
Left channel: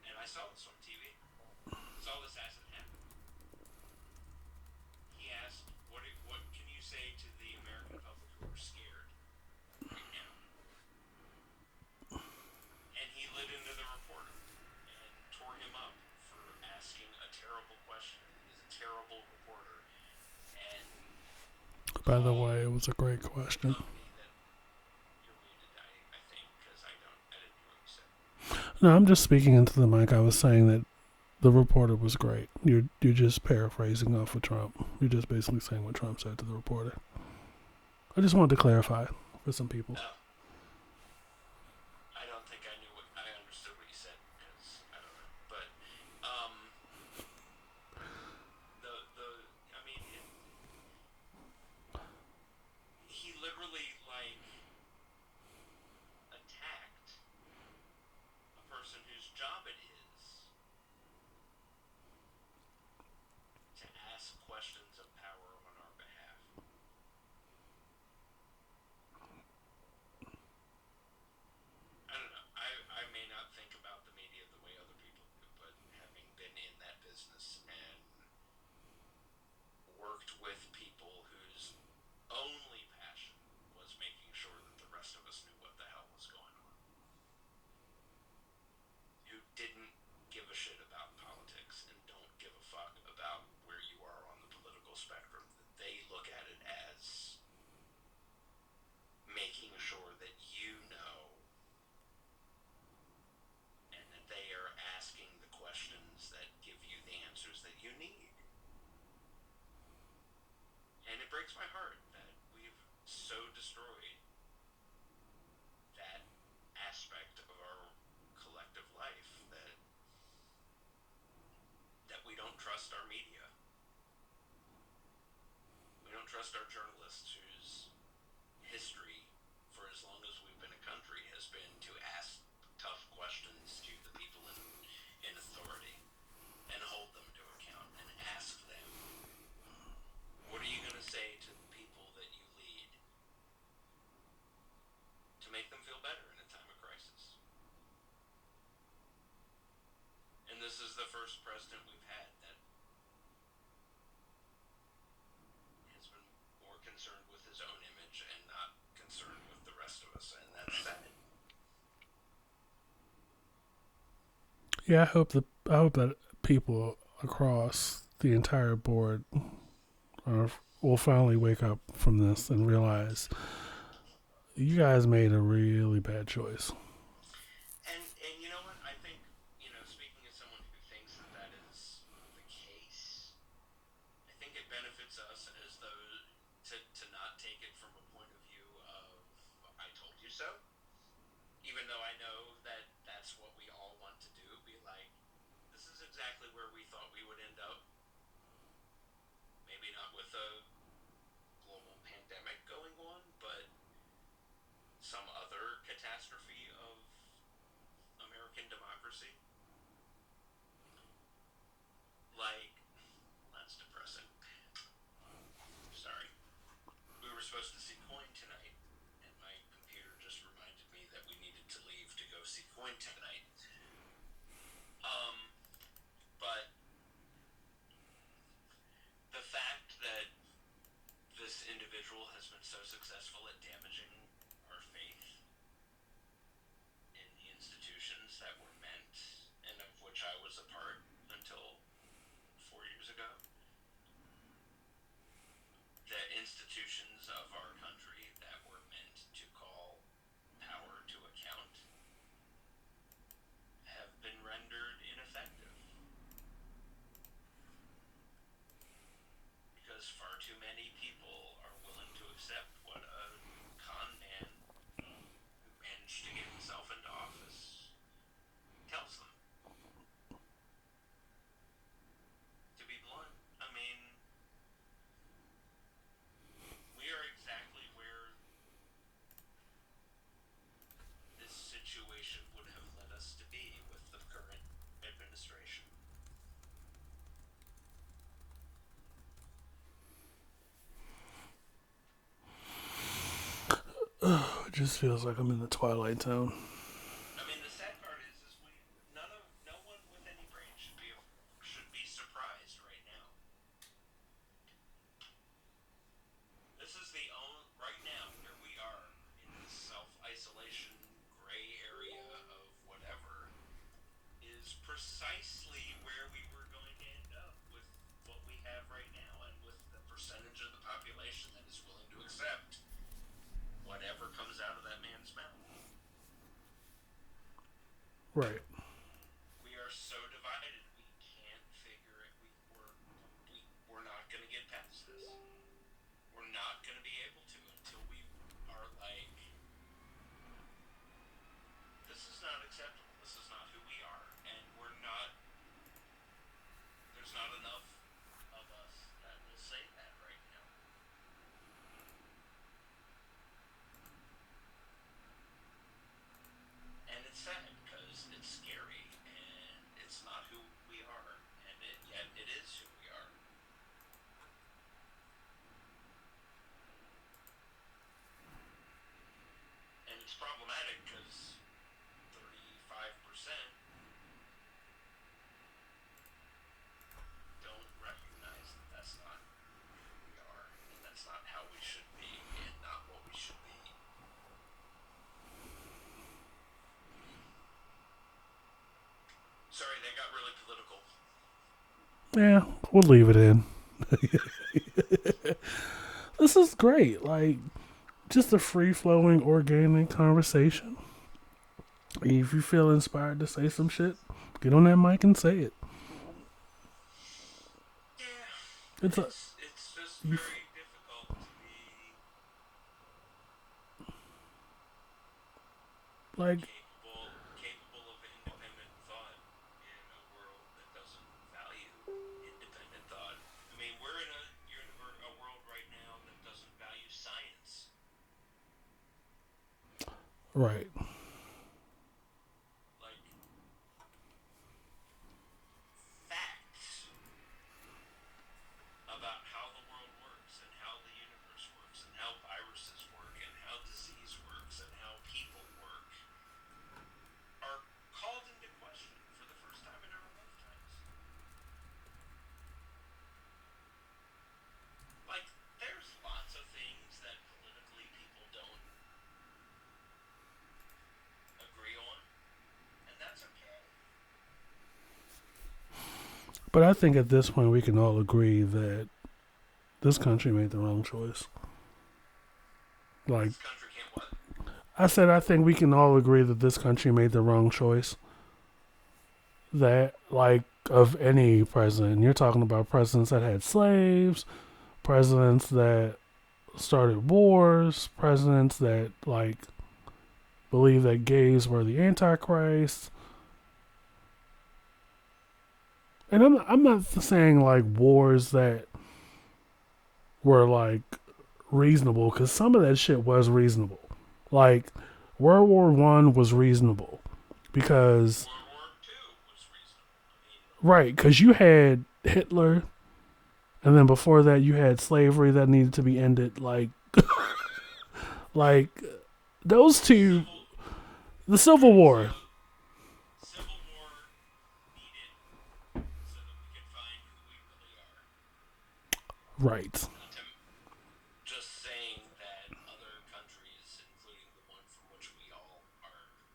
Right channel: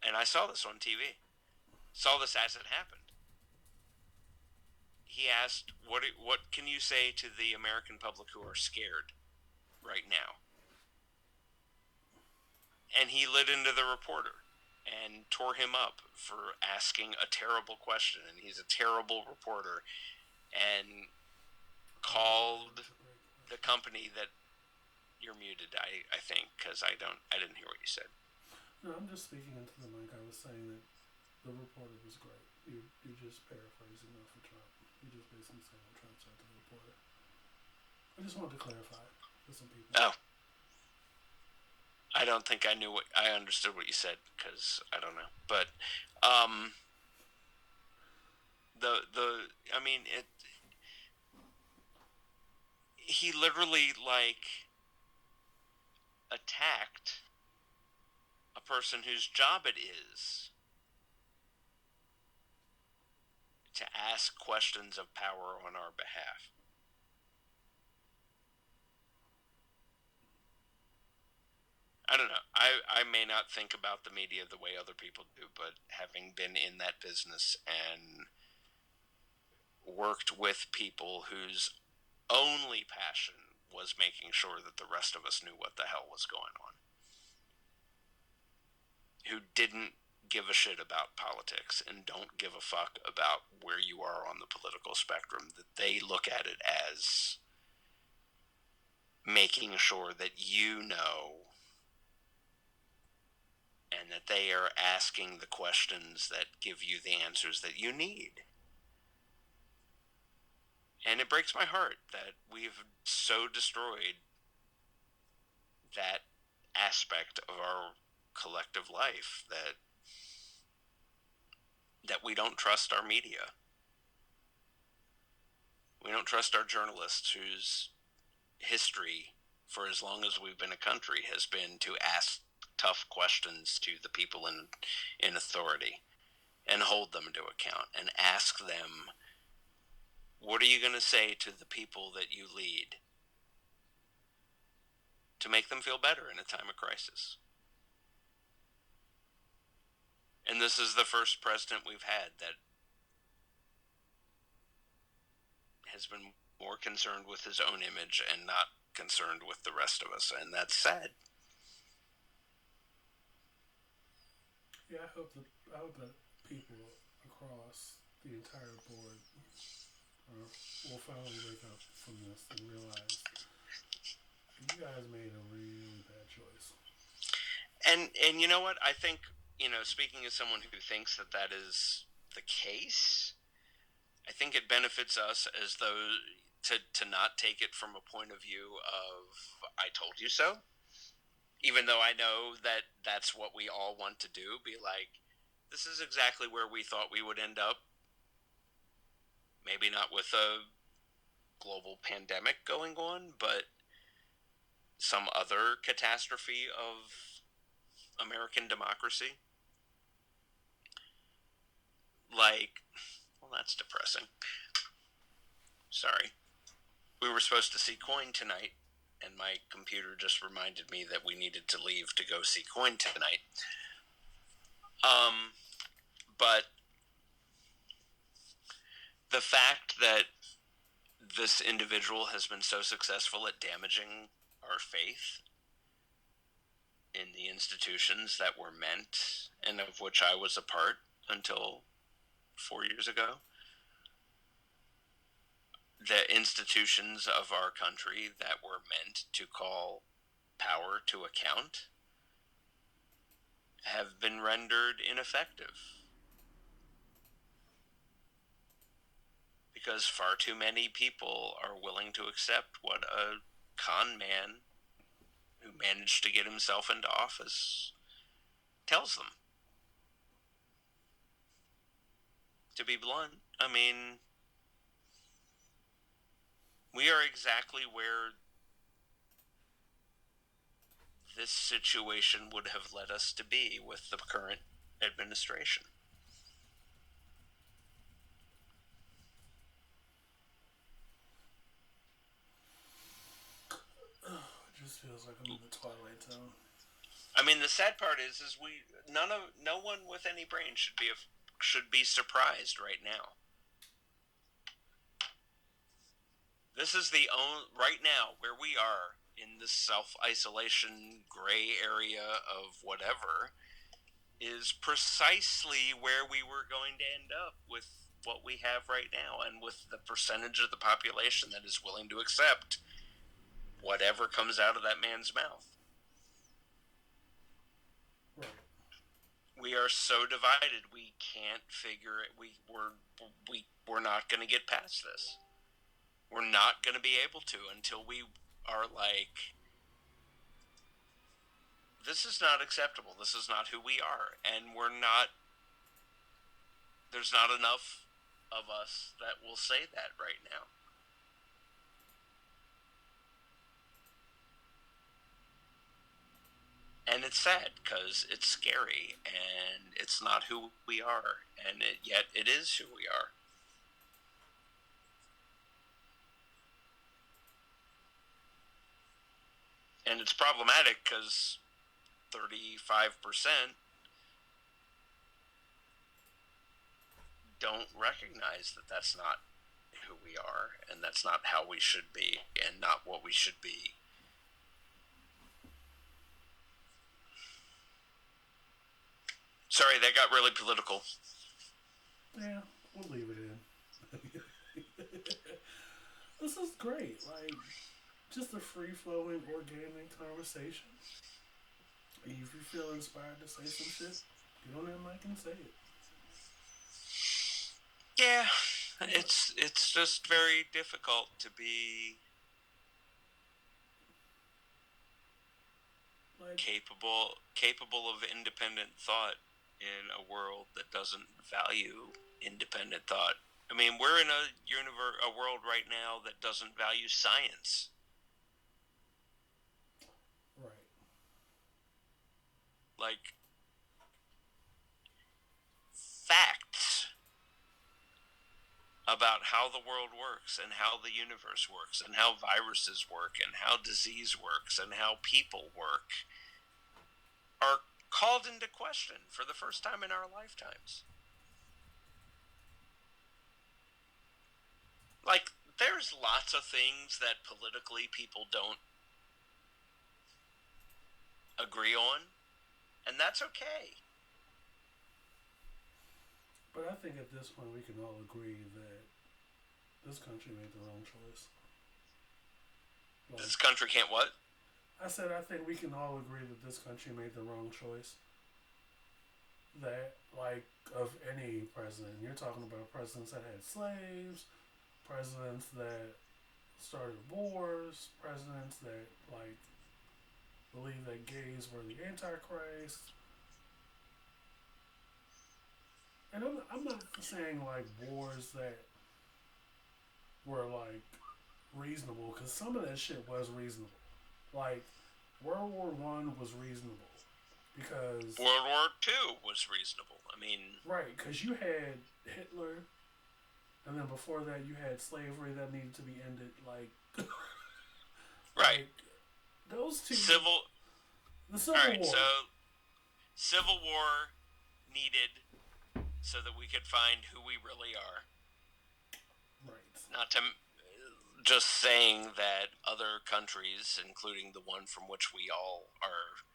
and I saw this on TV, saw this as it happened. He asked, what can you say to the American public who are scared right now? And he lit into the reporter and tore him up for asking a terrible question, and he's a terrible reporter. And by the way, it was a great question. The company that you're muted, I think, because I didn't hear what you said. No, I'm just speaking into the mic. I was saying that the reporter was great. You're just paraphrasing off of Trump. You're just basically saying what Trump said to the reporter. I just wanted to clarify for some people. Oh. I don't think I understood what you said, because I don't know. But, he literally, attacked a person whose job it is to ask questions of power on our behalf. I don't know. I may not think about the media the way other people do, but having been in that business and worked with people whose only passion was making sure that the rest of us knew what the hell was going on, who didn't give a shit about politics and don't give a fuck about where you are on the political spectrum, that they look at it as making sure that you know, and that they are asking the questions that give you the answers that you need. And it breaks my heart that we've so destroyed that aspect of our collective life that we don't trust our media. We don't trust our journalists whose history for as long as we've been a country has been to ask tough questions to the people in authority and hold them to account and ask them, what are you going to say to the people that you lead to make them feel better in a time of crisis? And this is the first president we've had that has been more concerned with his own image and not concerned with the rest of us, and that's sad. Yeah, I hope that people across the entire board will finally wake up from this and realize you guys made a really bad choice. And you know what? I think, speaking as someone who thinks that is the case, I think it benefits us as though to not take it from a point of view of I told you so. Even though I know that that's what we all want to do, be like, this is exactly where we thought we would end up. Maybe not with a global pandemic going on, but some other catastrophe of American democracy. Well, that's depressing. Sorry. We were supposed to see Coin tonight, and my computer just reminded me that we needed to leave to go see Coin tonight. But the fact that this individual has been so successful at damaging our faith in the institutions that were meant, and of which I was a part until 4 years ago, the institutions of our country that were meant to call power to account have been rendered ineffective. Because far too many people are willing to accept what a con man who managed to get himself into office tells them. To be blunt, I mean, we are exactly where this situation would have led us to be with the current administration. It just feels like I'm in the Twilight Zone. I mean, the sad part is no one with any brain should be surprised right now. This is right now where we are in this self-isolation gray area of whatever is precisely where we were going to end up with what we have right now, and with the percentage of the population that is willing to accept whatever comes out of that man's mouth. Right. We are so divided. We can't figure it. We're not going to get past this. We're not going to be able to until we are like, this is not acceptable. This is not who we are, and we're not. There's not enough of us that will say that right now. And it's sad because it's scary and it's not who we are, and yet it is who we are. And it's problematic because 35% don't recognize that that's not who we are, and that's not how we should be, and not what we should be. Sorry, that got really political. Yeah, we'll leave it in. This is great. Like, just a free flowing, organic conversation. If you feel inspired to say some shit, get on that mic and say it. Yeah, it's just very difficult to be like capable of independent thought in a world that doesn't value independent thought. I mean, we're in a world right now that doesn't value science. Right. Like, facts about how the world works and how the universe works and how viruses work and how disease works and how people work are called into question for the first time in our lifetimes. Like, there's lots of things that politically people don't agree on, and that's okay. But I think at this point we can all agree that this country made the wrong choice. Like, this country can't what? I said I think we can all agree that this country made the wrong choice. That, like, of any president. You're talking about presidents that had slaves, presidents that started wars, presidents that, like, believe that gays were the Antichrist. And I'm not saying, like, wars that were, like, reasonable, because some of that shit was reasonable. Like, World War I was reasonable because World War II was reasonable. I mean, right, because you had Hitler, and then before that you had slavery that needed to be ended. Like, like those two. The Civil War. So, Civil War needed so that we could find who we really are. Right. Not to just saying that other countries, including the one from which we all are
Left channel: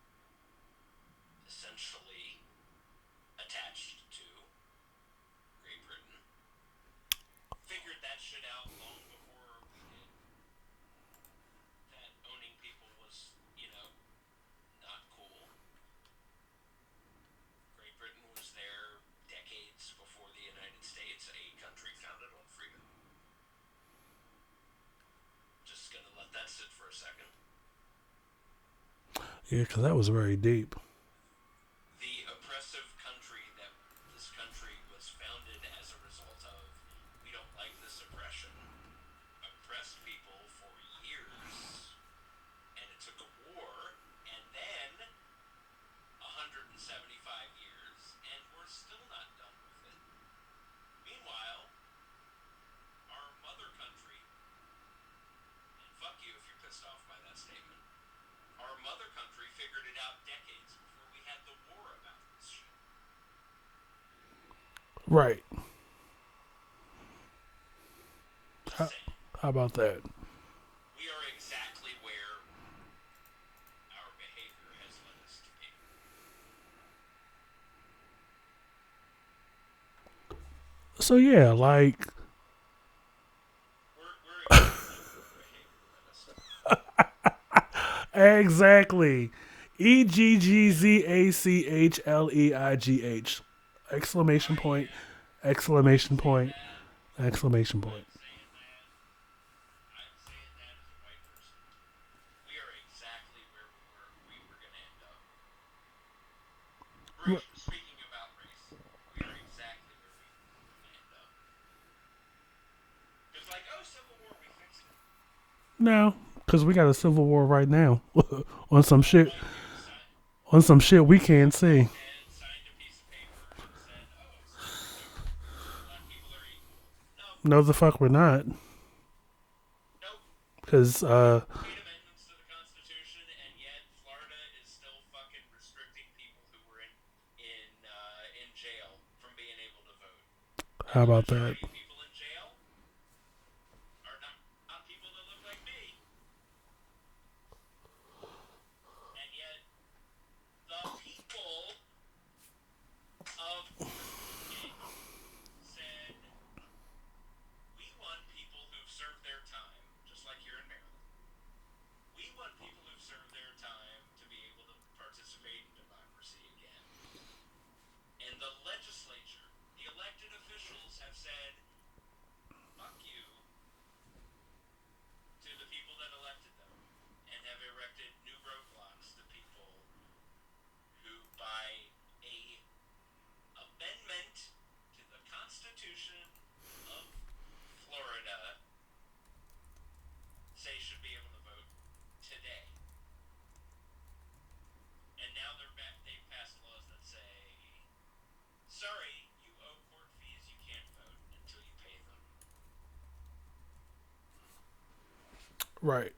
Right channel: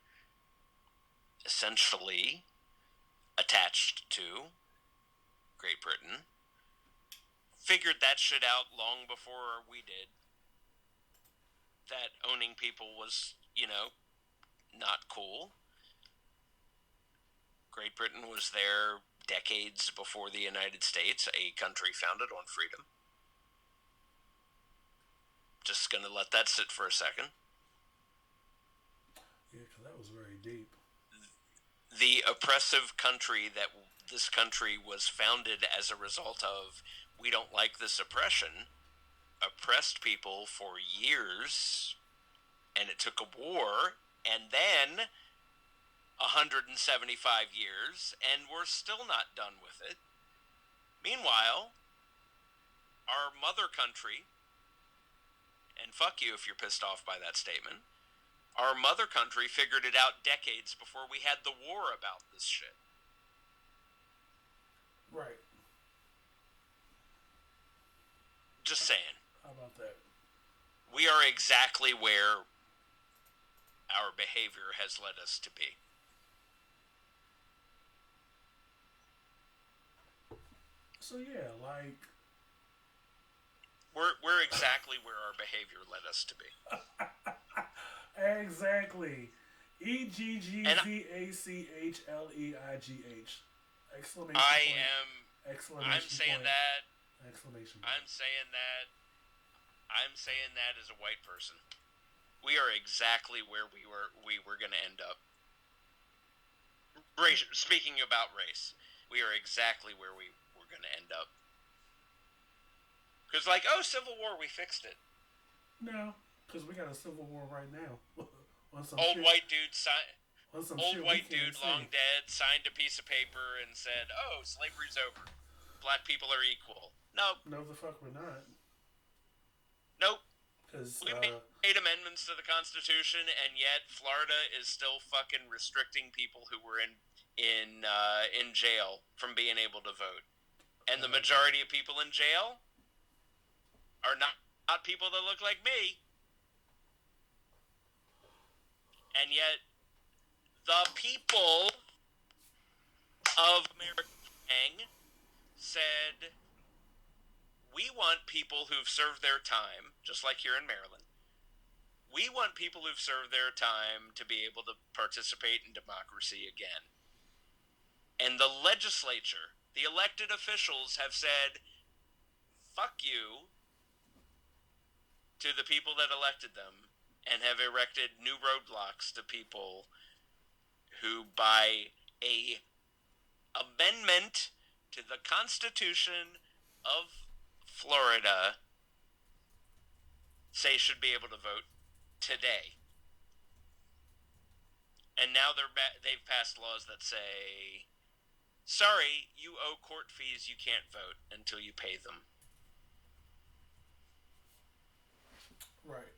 essentially attached to, Great Britain, figured that shit out long before we did. That owning people was, not cool. Great Britain was there decades before the United States, a country founded on freedom. Just gonna let that sit for a second. Yeah, because that was very deep. The oppressive country that this country was founded as a result of, we don't like this oppression, oppressed people for years, and it took a war, and then 175 years, and we're still not done with it. Meanwhile, our mother country, and fuck you if you're pissed off by that statement, our mother country figured it out decades before we had the war about this shit. Right. Just saying. How about that? We are exactly where our behavior has led us to be. So yeah, like we're exactly where our behavior led us to be. exactly. EGGZACHLEIGH. Exclamation point. Exclamation point. Exclamation point. I'm saying that as a white person. We are exactly where we were going to end up. Speaking about race, we are exactly where we were going to end up. Because Civil War, we fixed it. No, because we got a civil war right now on some shit. White dude on some shit we can't see. Dead signed a piece of paper and said, "Oh, slavery's over. Black people are equal." No. No, the fuck we're not. Nope. Because made amendments to the Constitution, and yet Florida is still fucking restricting people who were in jail from being able to vote. And the majority of people in jail are not people that look like me. And yet, the people of Maryland said, we want people who've served their time, just like here in Maryland. We want people who've served their time to be able to participate in democracy again. And the legislature, the elected officials have said, fuck you to the people that elected them, and have erected new roadblocks to people who, by a amendment to the Constitution of Florida, say should be able to vote today. And now they've passed laws that say, sorry, you owe court fees, you can't vote until you pay them. Right.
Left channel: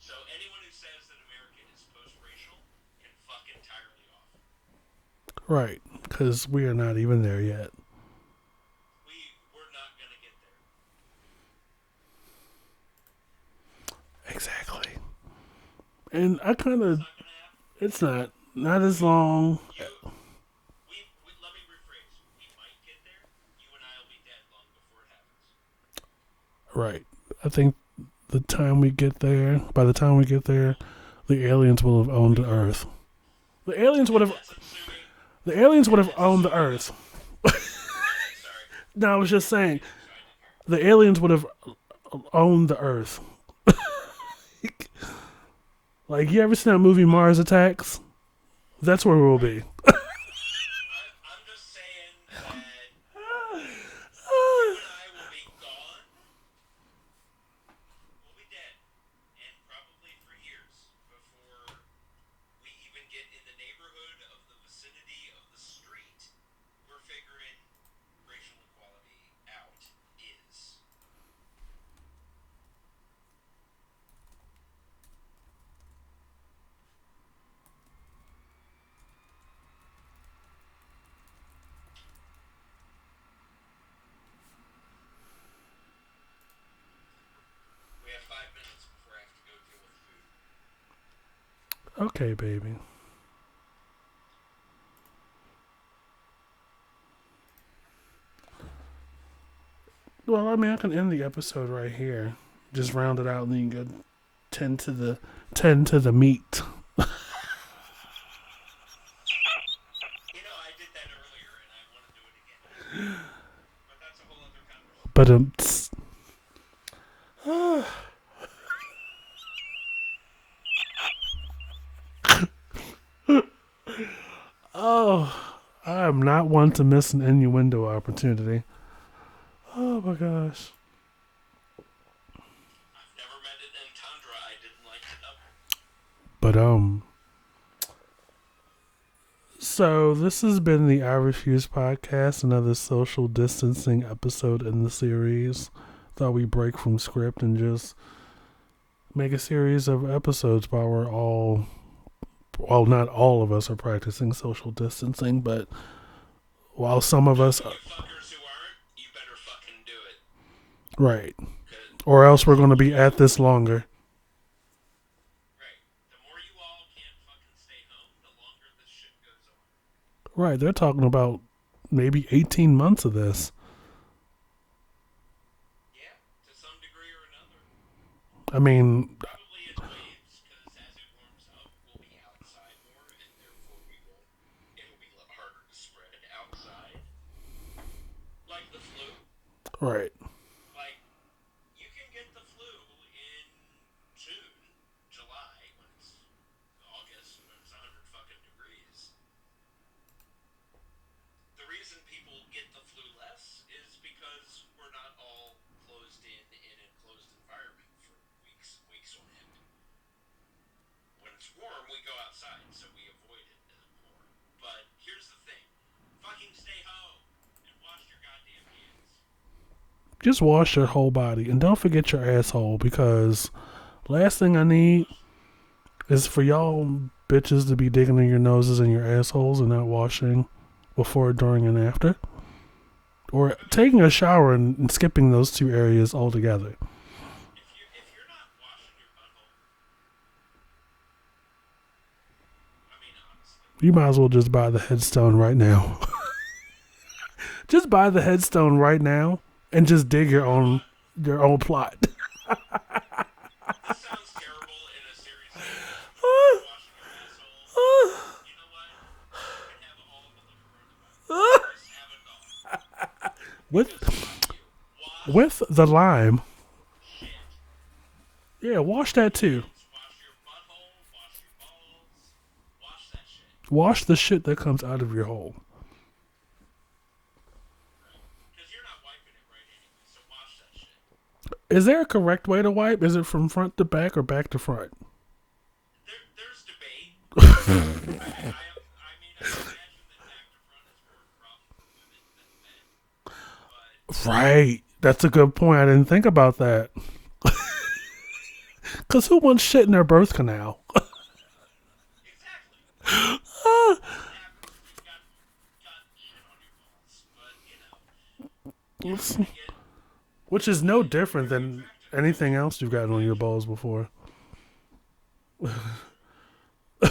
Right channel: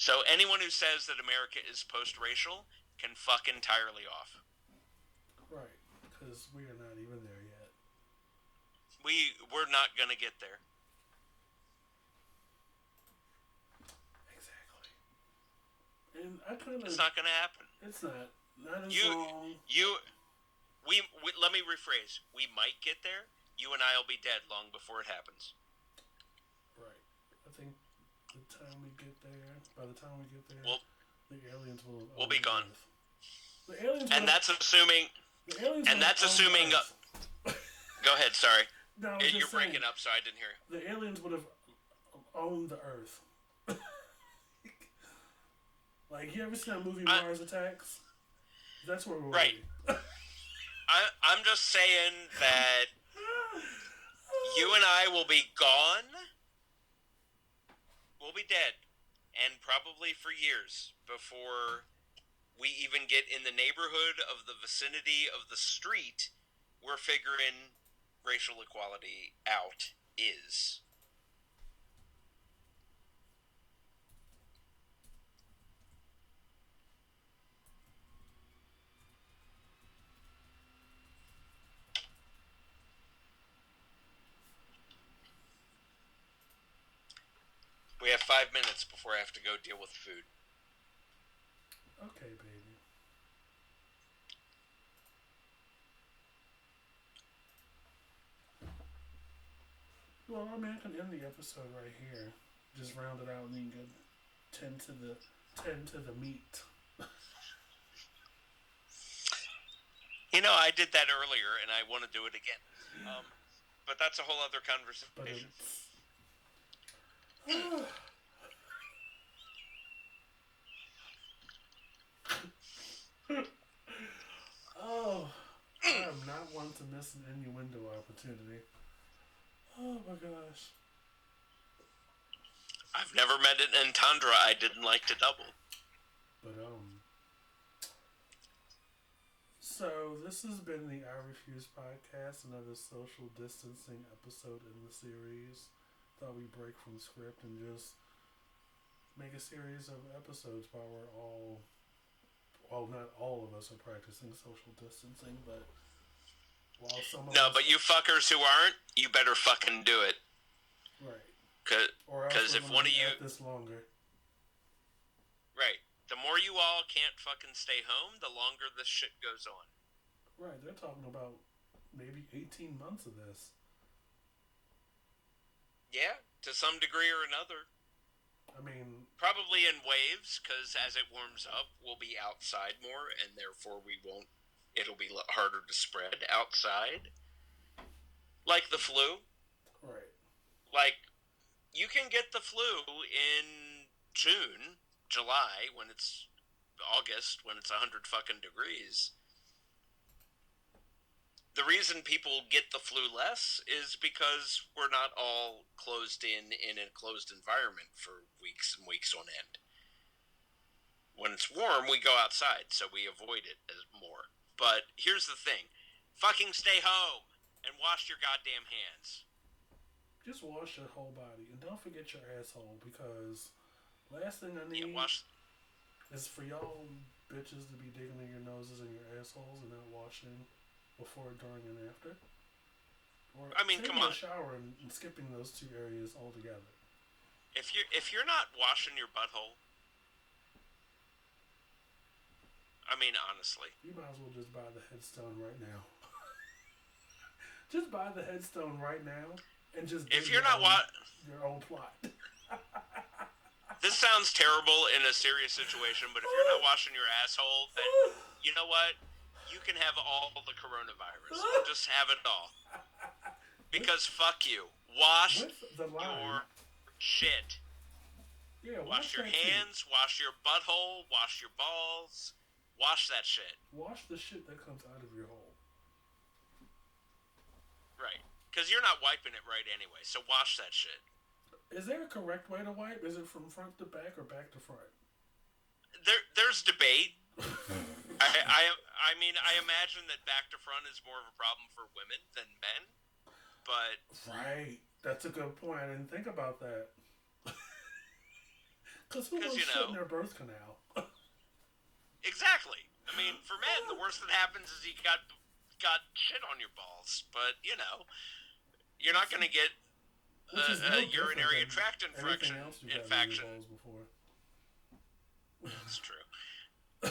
So anyone who says that America is post-racial can fuck entirely off. Right, because we are not even there yet. We're not gonna get there. Exactly. And I kind of... It's not gonna happen. It's not. Not as long. Let me rephrase. We might get there. You and I will be dead long before it happens. Right. I think by the time we get there, the aliens will have owned the Earth. The aliens would have. That's assuming. The aliens would have owned the Earth. Go ahead. Sorry. No, I was just saying. Up, so I didn't hear. The aliens would have owned the Earth. Like, you ever seen that movie Mars Attacks? That's where we'll be. I'm just saying that you and I will be gone. We'll be dead. And probably for years before we even get in the neighborhood of the vicinity of the street we're figuring racial equality out is. We have 5 minutes before I have to go deal with food. Okay, baby. Well, I mean, I can end the episode right here. Just round it out and then go tend to the meat. You know, I did that earlier, and I want to do it again. But that's a whole other conversation. But Oh, I am not one to miss an innuendo opportunity. Oh my gosh. I've never met an entendre I didn't like to double. But so this has been the I Refuse podcast, another social distancing episode in the series. Thought we'd break from script and just make a series of episodes while we're all, well, not all of us are practicing social distancing, but while some of No, us, but you fuckers who aren't, you better fucking do it. right, 'Cause- or else 'cause we're if going to one be of at you- this longer. Right. The more you all can't fucking stay home, the longer this shit goes on. Right, they're talking about maybe 18 months of this. Yeah, to some degree or another. I mean, Probably in waves, because as it warms up, we'll be outside more, and therefore it'll be harder to spread outside. Like the flu. right. Like, you can get the flu in June, July, when it's August, when it's 100 fucking degrees. The reason people get the flu less is because we're not all closed in a closed environment for weeks and weeks on end. When it's warm, we go outside, so we avoid it more. But here's the thing. Fucking stay home and wash your goddamn hands. Just wash your whole body and don't forget your asshole, because last thing I need Wash, is for y'all bitches to be digging in your noses and your assholes and not washing before, during, and after. Or I mean, taking come a on. shower and skipping those two areas altogether. If you're not washing your butthole, I mean, honestly. You might as well just buy the headstone right now. Just buy the headstone right now and just dig If you're your not own your own plot. This sounds terrible in a serious situation, but if you're not washing your asshole, then you know what? You can have all the coronavirus. Just have it all. Because fuck you. Wash With the lime. shit. Yeah, wash Wash that your too. hands, wash your butthole, wash your balls. Wash that shit. Wash the shit that comes out of your hole. Right. Because you're not wiping it right anyway, so wash that shit. Is there a correct way to wipe? Is it from front to back or back to front? There's debate. I mean, I imagine that back to front is more of a problem for women than men. But Right. That's a good point. I didn't think about that. Because who wants shit in their birth canal? exactly. For men, the worst that happens is you got shit on your balls. But, you know, you're not going to get... Which is no urinary different than tract anything infection- else you've gotten on your infection. balls before. That's true.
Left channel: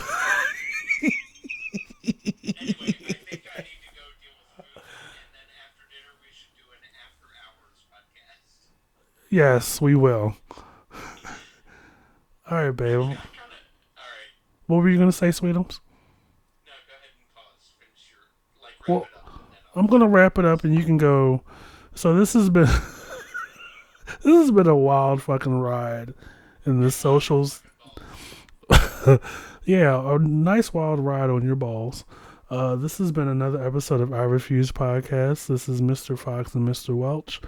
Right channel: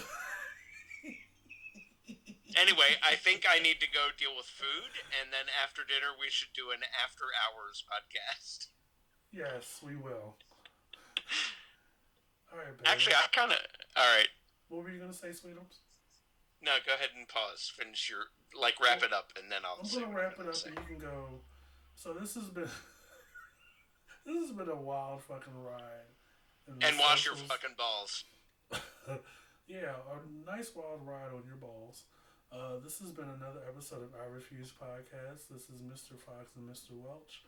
Anyway, I think I need to go deal with food, and then after dinner we should do an after hours podcast. Yes, we will. All right, babe. Actually, I kind of... Alright. What were you going to say, Sweetums? No, go ahead and pause. Finish your... Like, wrap Well, it up, and then I'll... I'm going to wrap it up and you can go. So this has been... this has been a wild fucking ride in the and socials. wash your fucking balls. Yeah, a nice wild ride on your balls. This has been another episode of I Refuse Podcast. This is Mr. Fox and Mr. Welch.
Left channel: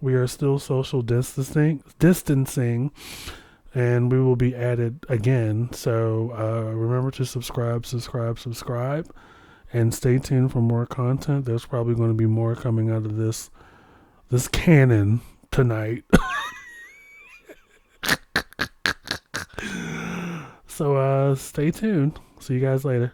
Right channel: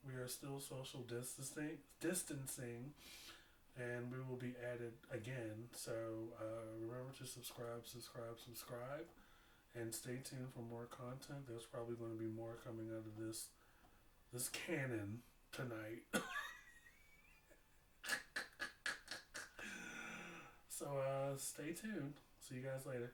We are still social distancing, and we will be at it again. So remember to subscribe, and stay tuned for more content. There's probably going to be more coming out of this canon tonight. So stay tuned. See you guys later.